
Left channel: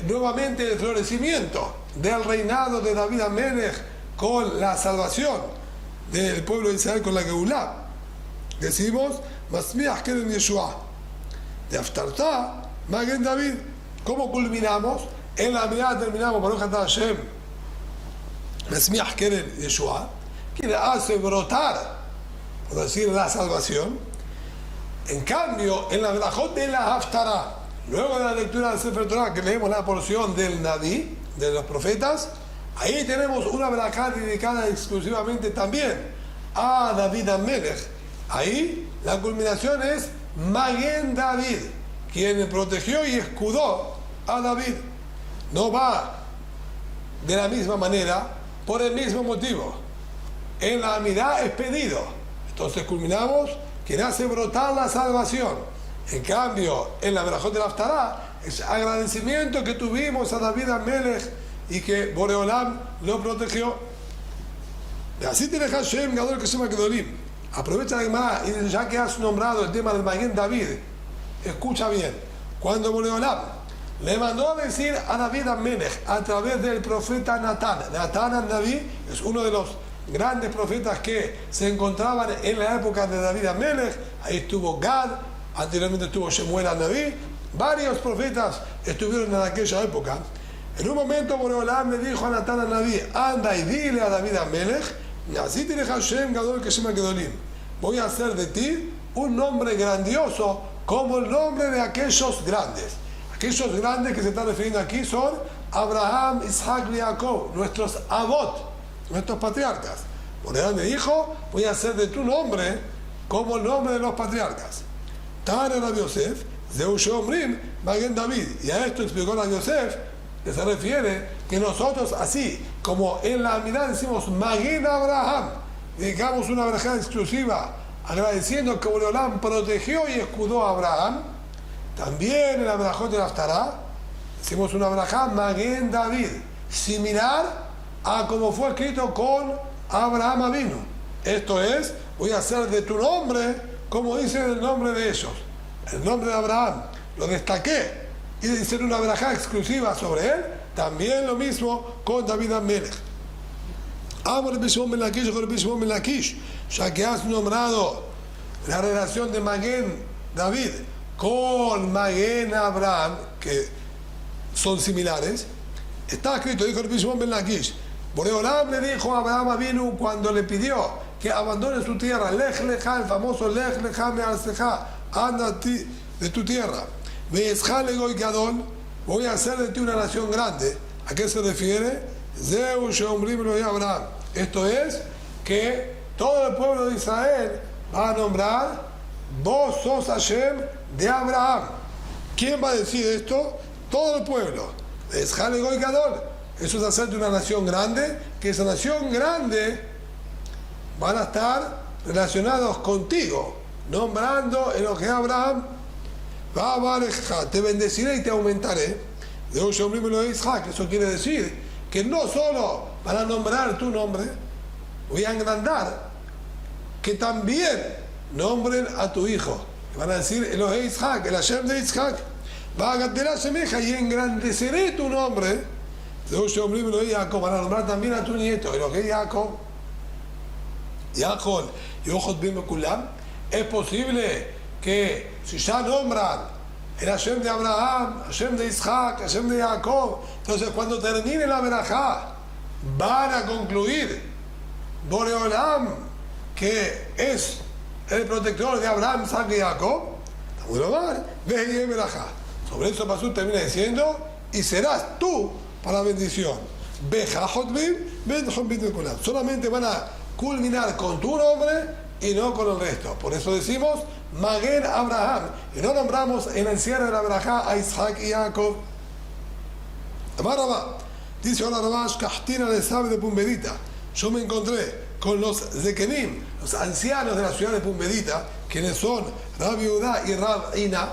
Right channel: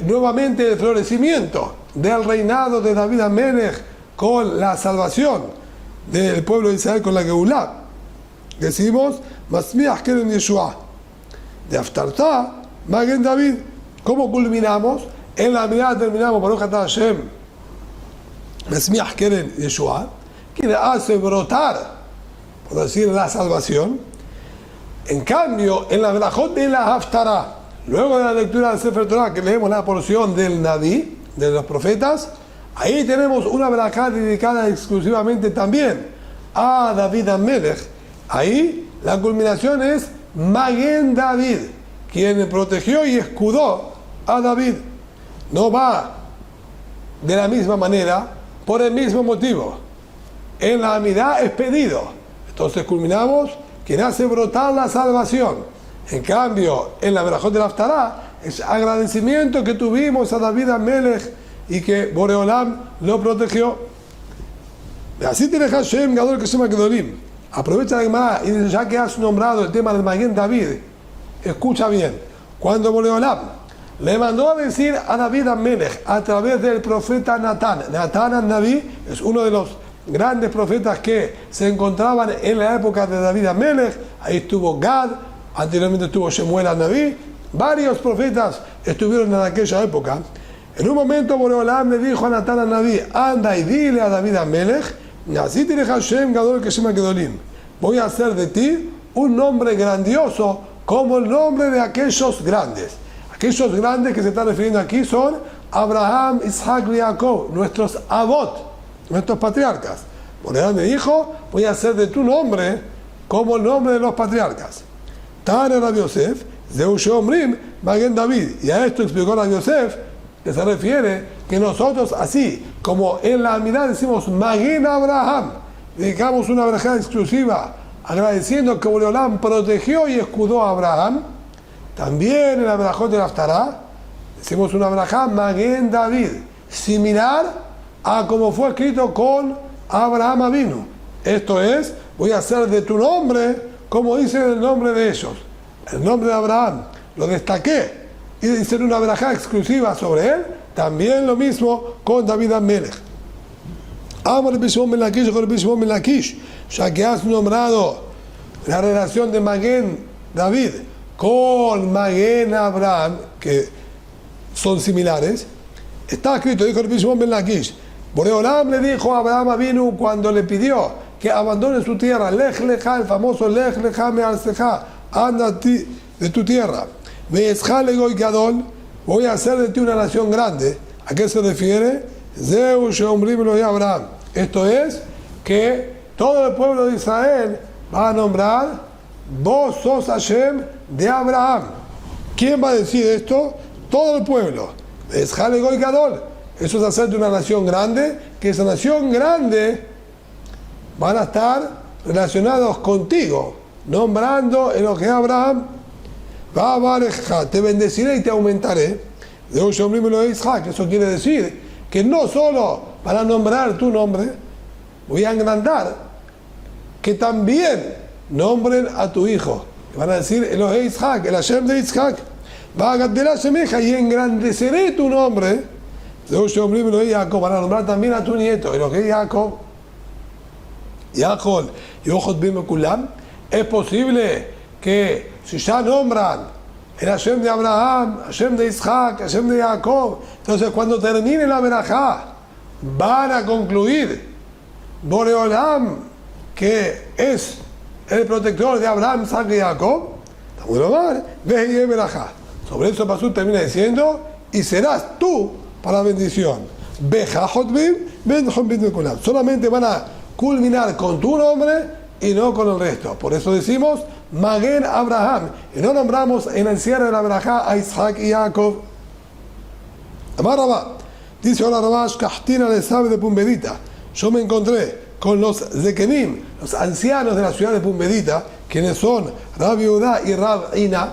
nuevamente el florecimiento del reinado de David Amelech con la salvación del pueblo de Israel con la Geulá, decimos Masmiach Keren Yeshua de Aftartá Magen David. ¿Cómo culminamos? En la mirada terminamos Baruch Atah Hashem Masmiach Keren Yeshua, que le hace brotar, por decir, la salvación. En cambio, en la Berajot de la Haftarah, luego de la lectura del Sefer Torah, que leemos la porción del Naví, de los profetas, ahí tenemos una verajá dedicada exclusivamente también a David Amelech. Ahí la culminación es Magen David, quien protegió y escudó a David. No va de la misma manera, por el mismo motivo. En la Amidá es pedido. Entonces culminamos, quien hace brotar la salvación. En cambio, en la verajot de la Haftarah es agradecimiento que tuvimos a David Amelech y que Boreolam lo protegió. Así tiene Hashem Gadol que se llama Gedolim. Aprovecha la Gemara y dice, ya que has nombrado el tema del Magen David, escucha bien. Cuando Boreolam le mandó a decir a David Amelech a través del profeta Natán, Natán al-Naví es uno de los grandes profetas que se encontraban en la época de David Amelech. Ahí estuvo Gad, anteriormente estuvo Shemuel al-Naví, varios profetas estuvieron en aquella época. En un momento Boreolam le dijo a Natán al-Naví, anda y dile a David Amelech, así tiene Hashem Gadol que se llama Gedolim, voy a hacer de ti un nombre grandioso como el nombre de aquellos grandes. Aquellos grandes que se están refiriendo aquí son Abraham, Isaac y Jacob, nuestros avot, nuestros patriarcas. Boreolam me dijo, voy a hacer de tu nombre como el nombre de los patriarcas. Tane Rabbi Yosef, Zeu Sheomrim, Magen David. Y a esto explicó Rabbi Yosef, que se refiere que nosotros, así como en la Amidá decimos Magen Abraham, dedicamos una verajá exclusiva agradeciendo que Boreolam protegió y escudó a Abraham, también en la verajot de la Haftarah decimos una verajá Magen David, similar a como fue escrito con Abraham Avinu. Esto es, voy a hacer de tu nombre como dice el nombre de ellos. El nombre de Abraham lo destaqué y dice una verajá exclusiva sobre él. También lo mismo con David Amelech. Amar Rabbi Shimon ben Lakish con Rabbi Shimon ben Lakish, ya que has nombrado la relación de Magen David con Maguen Abraham, que son similares, está escrito, dijo el Shimon ben Lakish, Boreolam le dijo a Abraham Avinu cuando le pidió que abandone su tierra, Lech Lecha, el famoso Lech Lecha Me'arceja, anda de tu tierra, Ve'escha Legoy Gadol, voy a hacer de ti una nación grande. ¿A qué se refiere? Zeu Sheomrim Lo Abraham. Esto es que todo el pueblo de Israel va a nombrar, vos sos Hashem de Abraham. ¿Quién va a decir esto? Todo el pueblo. Es Halegoy Gadol. Eso es hacerte una nación grande, que esa nación grande van a estar relacionados contigo, nombrando en lo que Abraham va a bareja, te bendeciré y te aumentaré. De hoy lo Isaac, eso quiere decir que no solo para nombrar tu nombre, voy a agrandar, que también nombren a tu hijo. Y van a decir Elohei Isaac, el Hashem de Isaac. Va a gandelar semeja y engrandeceré tu nombre. De hoy lo Jacob, van a nombrar también a tu nieto, Elohei Jacob. Jacob y ojos bien Kulam. Es posible que si ya nombran el Hashem de Abraham, Hashem de Isaac, Hashem de Jacob, entonces cuando termine la verajá van a concluir Boreolam, que es el protector de Abraham, Isaac y Jacob. Ve y verajá. Sobre eso Pasú termina diciendo, y serás tú para la bendición. Solamente van a culminar con tu nombre y no con el resto. Por eso decimos Maguen Abraham. Y no nombramos en el cierre de la verajá a Isaac y Jacob. Amar Rabá. Dice ahora Rabá, Shkahtina le sabe de Pumbedita. Yo me encontré con los Zekenim, los ancianos de la ciudad de Pumbedita, quienes son Rabbi Udá y Rab Ina,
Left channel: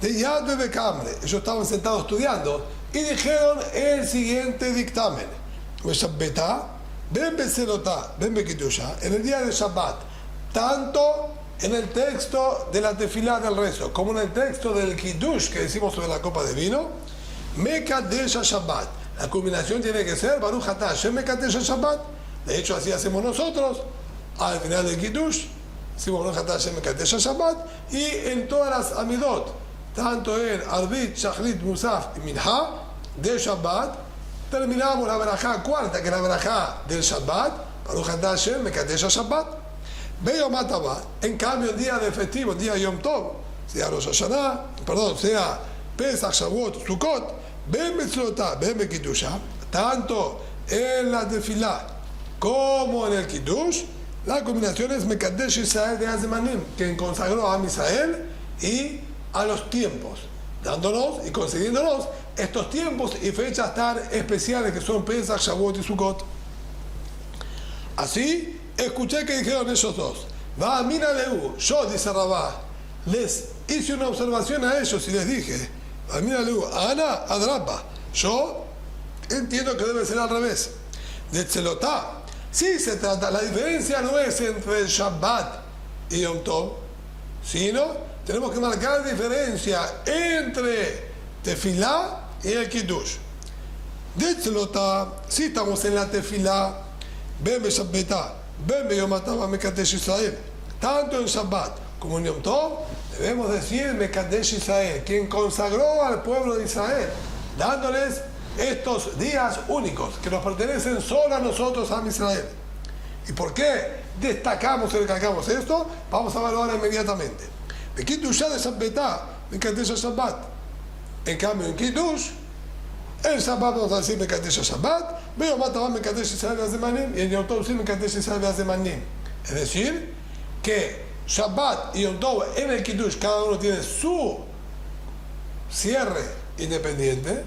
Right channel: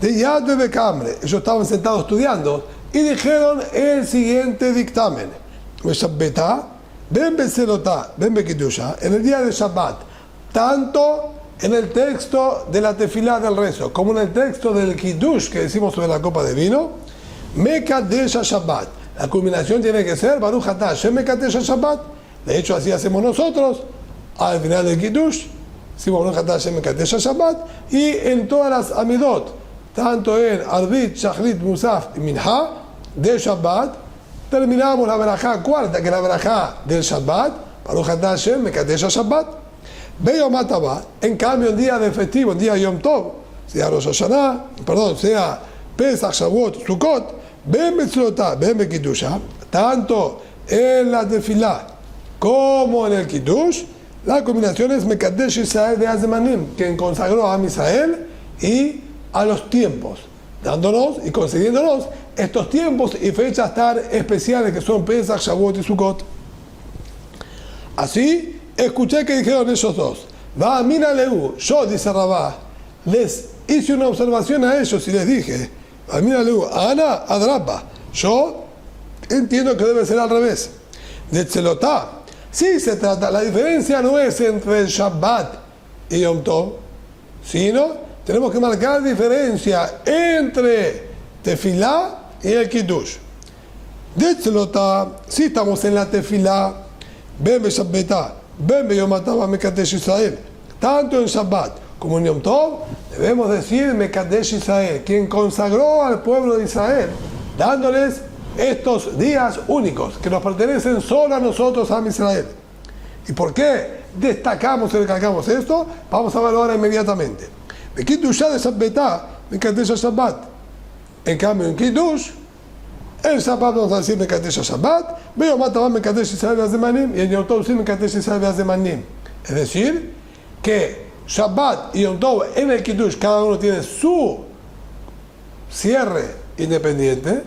de Yad Bekamre. Ellos estaban sentados estudiando y dijeron el siguiente dictamen. Ben Beselotá, Ben Bekidusha, en el día de Shabbat, tanto en el texto de la tefilá del rezo, como en el texto del Kiddush que decimos sobre la copa de vino, Mekadesh Shabbat. La culminación tiene que ser Baruch Atah Hashem Mekadesh Shabbat. De hecho, así hacemos nosotros al final del Kiddush. Decimos Baruch Atah Hashem Mekadesh Shabbat. Y en todas las Amidot, tanto en Arbit, Shachrit, Musaf y Minha de Shabbat, terminamos la verajá cuarta, que es la verajá del Shabbat, Baruch Atah Hashem Mekadesh Shabbat. Veo Mataba, en cambio el día de festivo, el día de Yom Tov, sea Rosh Hashanah, sea Pesach, Shavuot, Sukkot, Ben Betzlotá, Ben Bekidusha, tanto en la tefilá como en el Kiddush, la combinación es Mekadesh Israel de Azemanim, quien consagró a Israel y a los tiempos, dándonos y concediéndonos estos tiempos y fechas tan especiales que son Pesach, Shavuot y Sukkot. Así, escuché que dijeron ellos dos, va, mira Leu, yo, dice Rabá, les hice una observación a ellos y les dije, va, mira Leu, Ana, Adrapa, yo entiendo que debe ser al revés. De Tzelotá, sí se trata, la diferencia no es entre el Shabbat y Yom Tov, sino tenemos que marcar diferencia entre Tefilá y el Kiddush. De Tzelotá, sí estamos en la Tefilá, Ben Beshabbetá, Ben Beyom Atah Mekadesh Israel. Tanto en Shabbat como en Yom Tov, debemos decir Mekadesh Israel, quien consagró al pueblo de Israel, dándoles estos días únicos que nos pertenecen solo a nosotros, a Israel. ¿Y por qué destacamos y recalcamos esto? Vamos a verlo ahora inmediatamente. De Kiddush de Shabbetá, Mekadesh Shabbat. En cambio, en Kiddush, el Shabbat vamos a decir Mekadesh Shabbat, Beyom Atah Mekadesh Israel Azemanim, y en Yom Tov sí Mekadesh Israel Azemanim. Es decir, que Shabbat y Yom Tov en el Kiddush cada uno tiene su cierre independiente,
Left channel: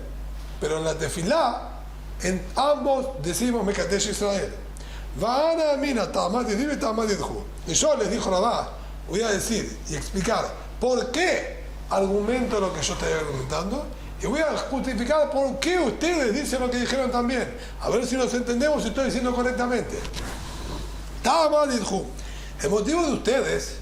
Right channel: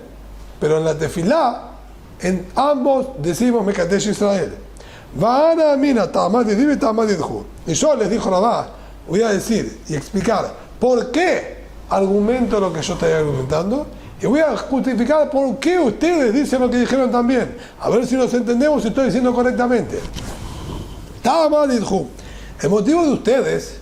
pero en la Tefilá, en ambos decimos Mekadesh Israel. Va'ana mina ta'amad yedib y ta'amad yedhu. Y yo les dijo Rabá, voy a decir y explicar por qué argumento lo que yo estoy argumentando, y voy a justificar por qué ustedes dicen lo que dijeron también. A ver si nos entendemos si estoy diciendo correctamente. Ta'amad yedhu. El motivo de ustedes,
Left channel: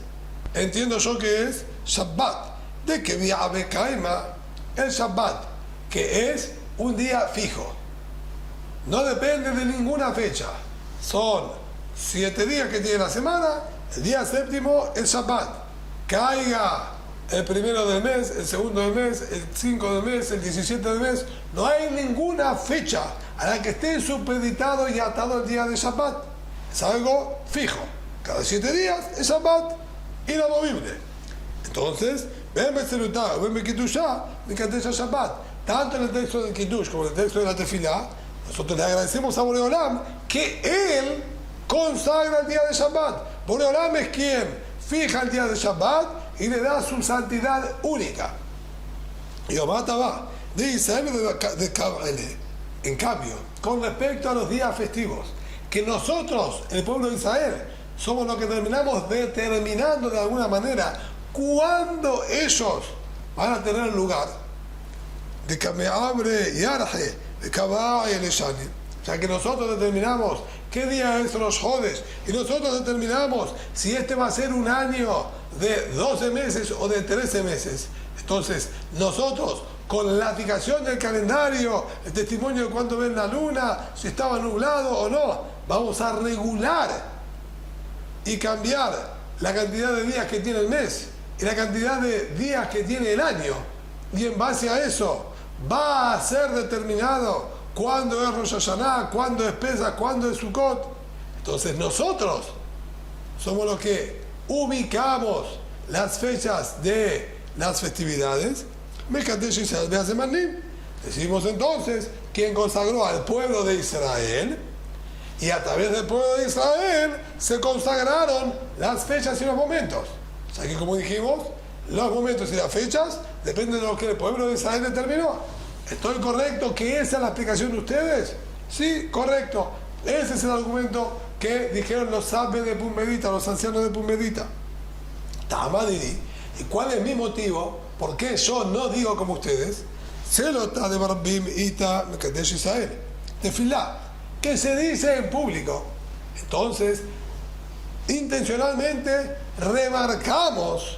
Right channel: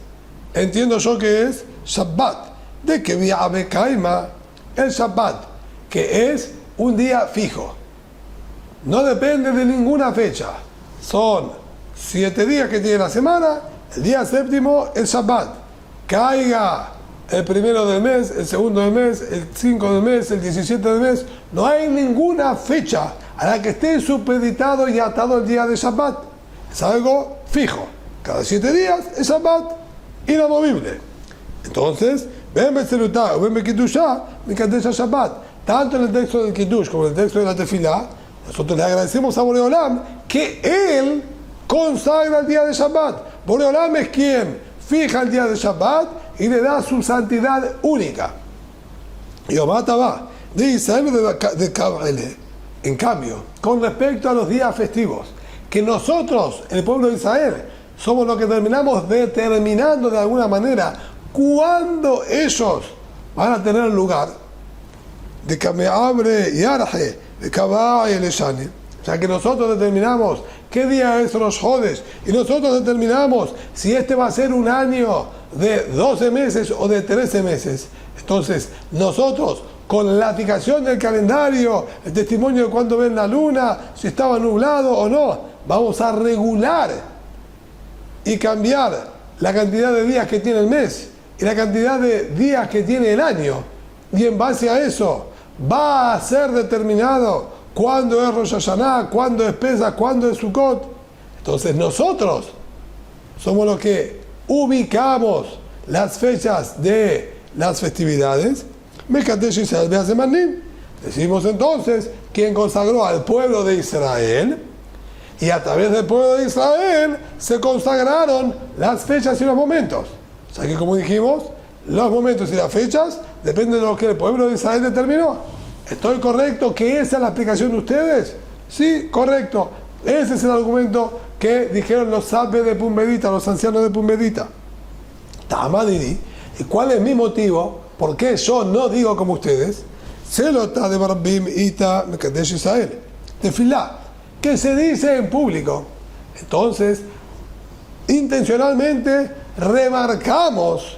entiendo yo que es Shabbat, de que viabe kaima, el Shabbat, que es un día fijo. No depende de ninguna fecha. Son 7 días que tiene la semana, el día séptimo es Shabbat. Caiga el primero del mes, el segundo del mes, el 5 del mes, el 17 del mes. No hay ninguna fecha a la que esté supeditado y atado el día de Shabbat. Es algo fijo. Cada 7 días es Shabbat inamovible. Entonces, ven Betzerutá o ven Bekidushá, Mekadesh Shabbat. Tanto en el texto del Kiddush como en el texto de la Tefilá, nosotros le agradecemos a Boreolam que Él consagra el día de Shabbat. Boreolam es quien fija el día de Shabbat y le da su santidad única. Y Omataba de Israel de Kabbalah. En cambio, con respecto a los días festivos, que nosotros, el pueblo de Israel, somos los que terminamos determinando de alguna manera cuándo ellos van a tener lugar, de que me abre y arje, de Kabbalah y el Eshani. O sea que nosotros determinamos qué día es Rosh Hodesh y nosotros determinamos si este va a ser un año de 12 meses o de 13 meses. Entonces, nosotros, con la fijación del calendario, el testimonio de cuándo ven la luna, si estaba nublado o no, vamos a regular y cambiar la cantidad de días que tiene el mes y la cantidad de días que tiene el año. Y en base a eso, va a ser determinado cuándo es Rosh Hashanah, cuándo es Pesach, cuándo es Sukkot. Entonces nosotros somos los que ubicamos las fechas de las festividades. Mekadesh Israel be'azemanim. Decimos entonces quien consagró al pueblo de Israel, y a través del pueblo de Israel se consagraron las fechas y los momentos. O sea que, como dijimos, los momentos y las fechas dependen de lo que el pueblo de Israel determinó. ¿Estoy correcto que esa es la explicación de ustedes? Sí, correcto. Ese es el argumento que dijeron los sabios de Pumbedita, los ancianos de Pumbedita. Tamadiri. ¿Y cuál es mi motivo? ¿Por qué yo no digo como ustedes? Selota de Barbim Ita Mekadesh Israel. Tefilá, que se dice en público. Entonces, intencionalmente remarcamos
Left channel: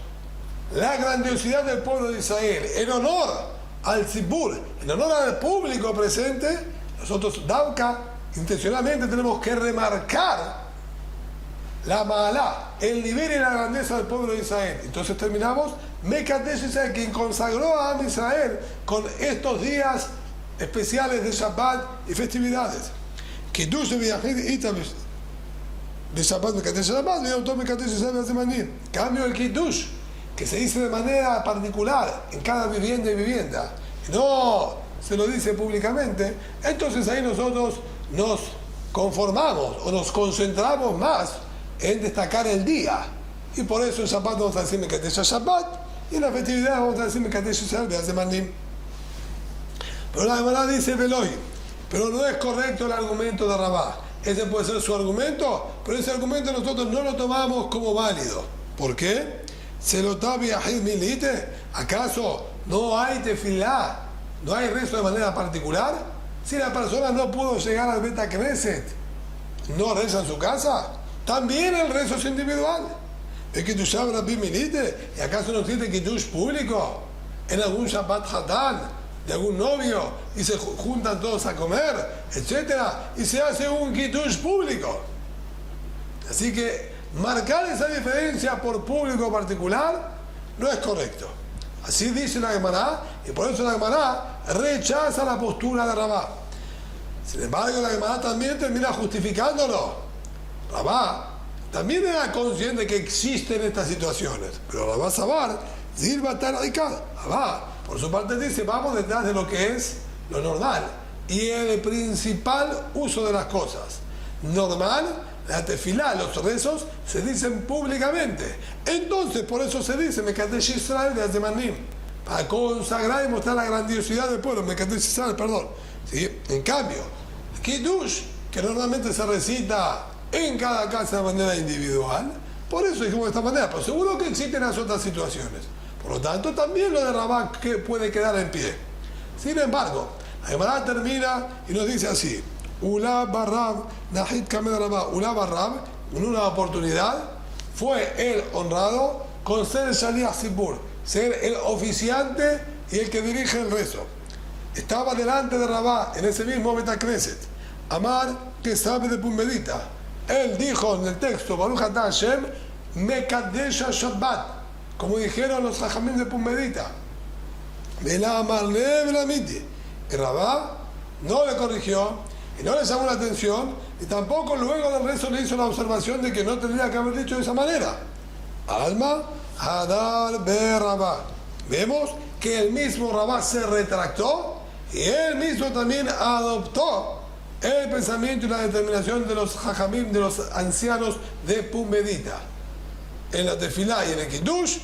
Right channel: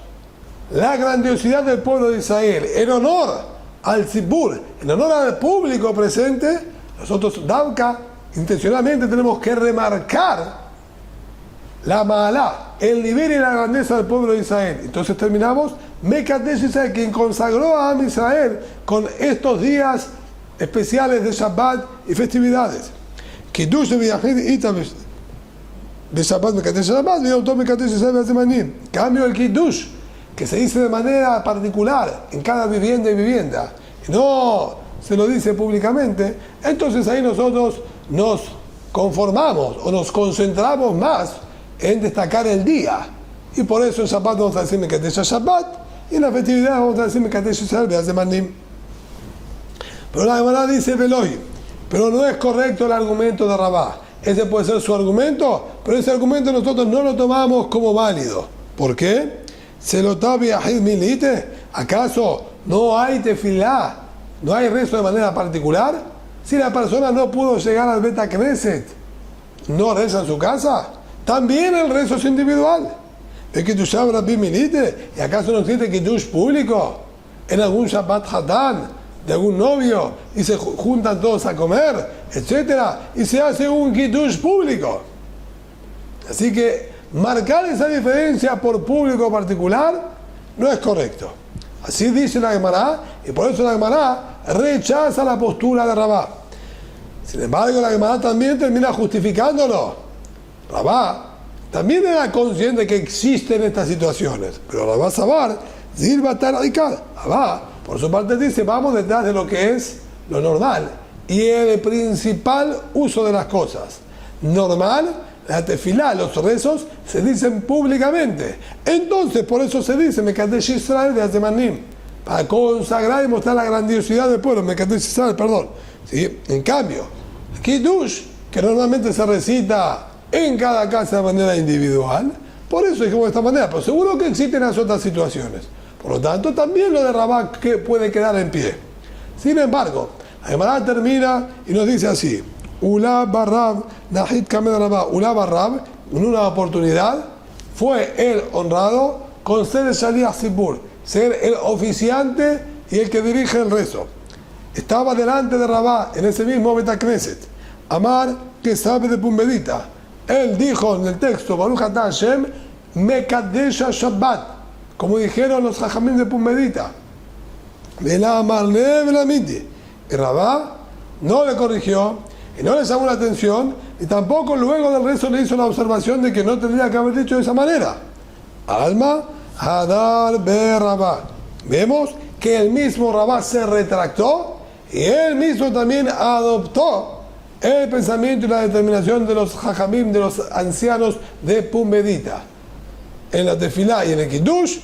la grandiosidad del pueblo de Israel en honor al Tzibur, en honor al público presente. Nosotros, Davka, intencionalmente tenemos que remarcar la Ma'alá, el nivel y la grandeza del pueblo de Israel. Entonces terminamos, Mekadesh Israel, quien consagró a Am Israel con estos días especiales de Shabbat y festividades. Kiddush de Shabbat, Mekadesh Shabbat, y autor Mekadesh Israel be'azemanim. Cambio el Kiddush, que se dice de manera particular en cada vivienda y vivienda, y no se lo dice públicamente. Entonces ahí nosotros nos conformamos o nos concentramos más en destacar el día, y por eso en Shabbat vamos a decir Mekadesh Shabbat y en la festividad vamos a decir Mekadesh Israel be'azemanim. Pero la Gemara dice Veloy, pero no es correcto el argumento de Rabá. Ese puede ser su argumento, pero ese argumento nosotros no lo tomamos como válido. ¿Por qué? ¿Se lo tabi ahid milite? ¿Acaso no hay tefilá? ¿No hay rezo de manera particular? Si la persona no pudo llegar al Bet Knesset, ¿no reza en su casa? También el rezo es individual. ¿Es que tú sabes Rabbi milite? ¿Y acaso no existe kiddush público? En algún Shabbat Hatán de algún novio y se juntan todos a comer, etcétera, y se hace un kiddush público. Así que marcar esa diferencia por público particular no es correcto. Así dice la Gemara, y por eso la Gemara rechaza la postura de Rabá. Sin embargo, la Gemara también termina justificándolo. Rabá también era consciente que existen estas situaciones, pero Rabá Sabar, Zilba Tarikal, Rabá, por su parte dice, vamos detrás de lo que es lo normal y el principal uso de las cosas. Normal, la tefilá, los rezos se dicen públicamente. Entonces, por eso se dice Mekadesh Israel be'azemanim, para consagrar y mostrar la grandiosidad del pueblo. Mekadesh Israel, perdón. ¿Sí? En cambio, el Kiddush, que normalmente se recita en cada casa de manera individual, por eso dijimos de esta manera, pero seguro que existen las otras situaciones. Por lo tanto, también lo de Rabá que puede quedar en pie. Sin embargo, la Gemara termina y nos dice así: Ula Barrab, Nahid Kamed Rabá, Ula Barrab, en una oportunidad, fue el honrado con ser el Shaliach Tzibur, ser el oficiante y el que dirige el rezo. Estaba delante de Rabá en ese mismo Bet Knesset, Amar, que sabe de Pumbedita. Él dijo en el texto, Baruch Atah Hashem, Mekadesh Shabbat, como dijeron los Jajamim de Pumbedita. Y Rabá no le corrigió y no le llamó la atención, y tampoco luego del rezo le hizo la observación de que no tendría que haber dicho de esa manera. Alma Hadar be Rabá. Vemos que el mismo Rabá se retractó y él mismo también adoptó el pensamiento y la determinación de los Jajamim, de los ancianos de Pumbedita. En la Tefilá y en el Kiddush,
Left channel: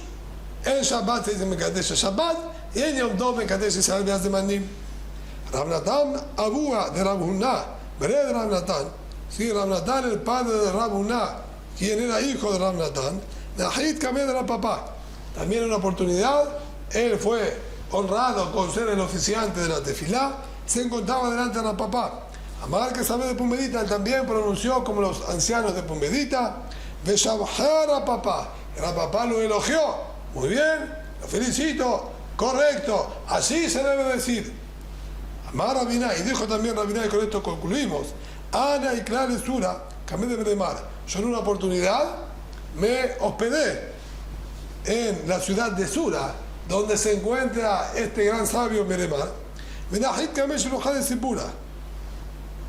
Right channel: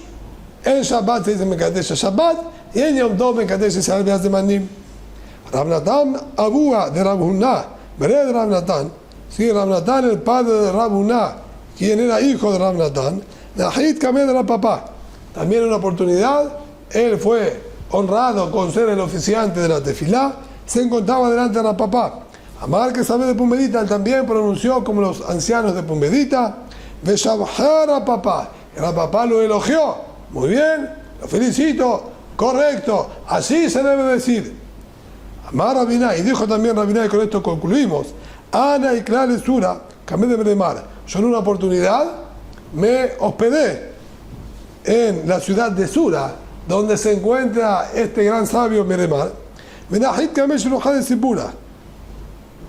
en Shabbat se dice Mekadesh Shabbat y en Yom Tov Mekadesh Israel Be'azemanim. Rav Natan Abúa de Rav Huna, veré de Rav Natan, sí, Rav Natan, el padre de Rav Huna, quien era hijo de Rav Natan, Nahid Kameh de la papá. También en una oportunidad, él fue honrado con ser el oficiante de la Tefilá, se encontraba delante de la papá. Amar que sabe de Pumbedita, él también pronunció como los ancianos de Pumbedita, Veshabhar a papá. El papá lo elogió. Muy bien, lo felicito, correcto, así se debe decir. Amar Rabiná, y dijo también Rabiná, y con esto concluimos. Ana y Klal Sura, Kameh de Beremar. Yo en una oportunidad me hospedé en la ciudad de Sura, donde se encuentra este gran sabio Meremar. Menahit Kameh Shulchan de Sipura.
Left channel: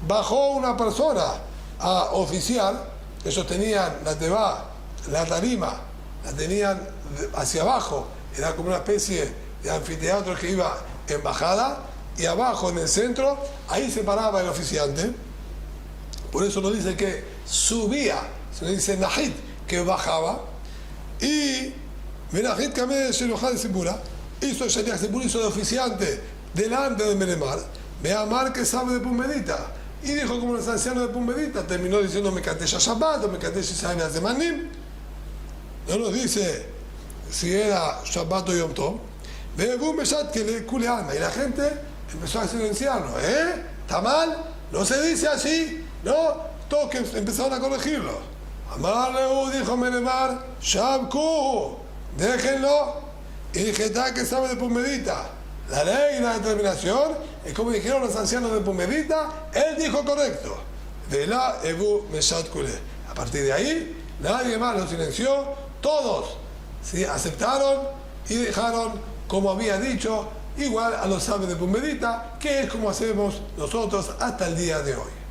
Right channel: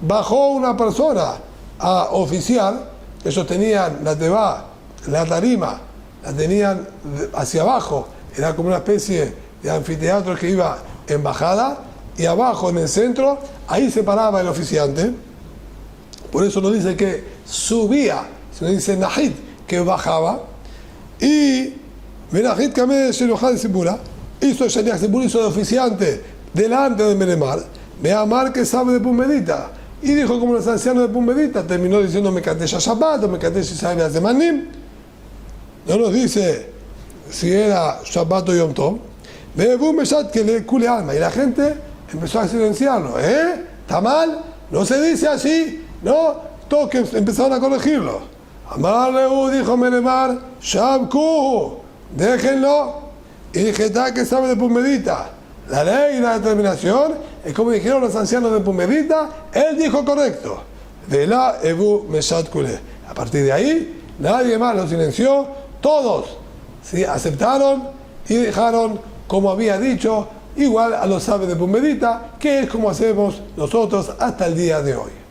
Bajó una persona a oficiar. Ellos tenían la tebá, la tarima, la tenían hacia abajo, era como una especie de anfiteatro que iba en bajada, y abajo en el centro, ahí se paraba el oficiante. Por eso no dice que subía, sino dice Nahid, que bajaba. Y Menahid Kameh Shulchan Sipura hizo Shaliach Sipura, hizo de oficiante delante de Meremar, Meamar que sabe de Pumbedita. Y dijo como los ancianos de Pumbedita, terminó diciendo Mekadesh Shabbat o Mekadesh Israel Be'azemanim. No nos dice si era Shabbat o Yom Tov. Ve'evu meshat que le cule alma. Y la gente empezó a silenciarlo. ¿Está mal? No se dice así. No, todos que empezaron a corregirlo. Amar Lehu, dijo Meremar, Shabku, déjenlo. Y dije, que sabe de Pumbedita. La ley y la determinación es como dijeron los ancianos de Pumbedita, él dijo correcto. Vela Ebu Meshat Kule. A partir de ahí, nadie más lo silenció, todos ¿sí? aceptaron y dejaron como había dicho, igual a los sabios de Pumbedita, que es como hacemos nosotros hasta el día de hoy.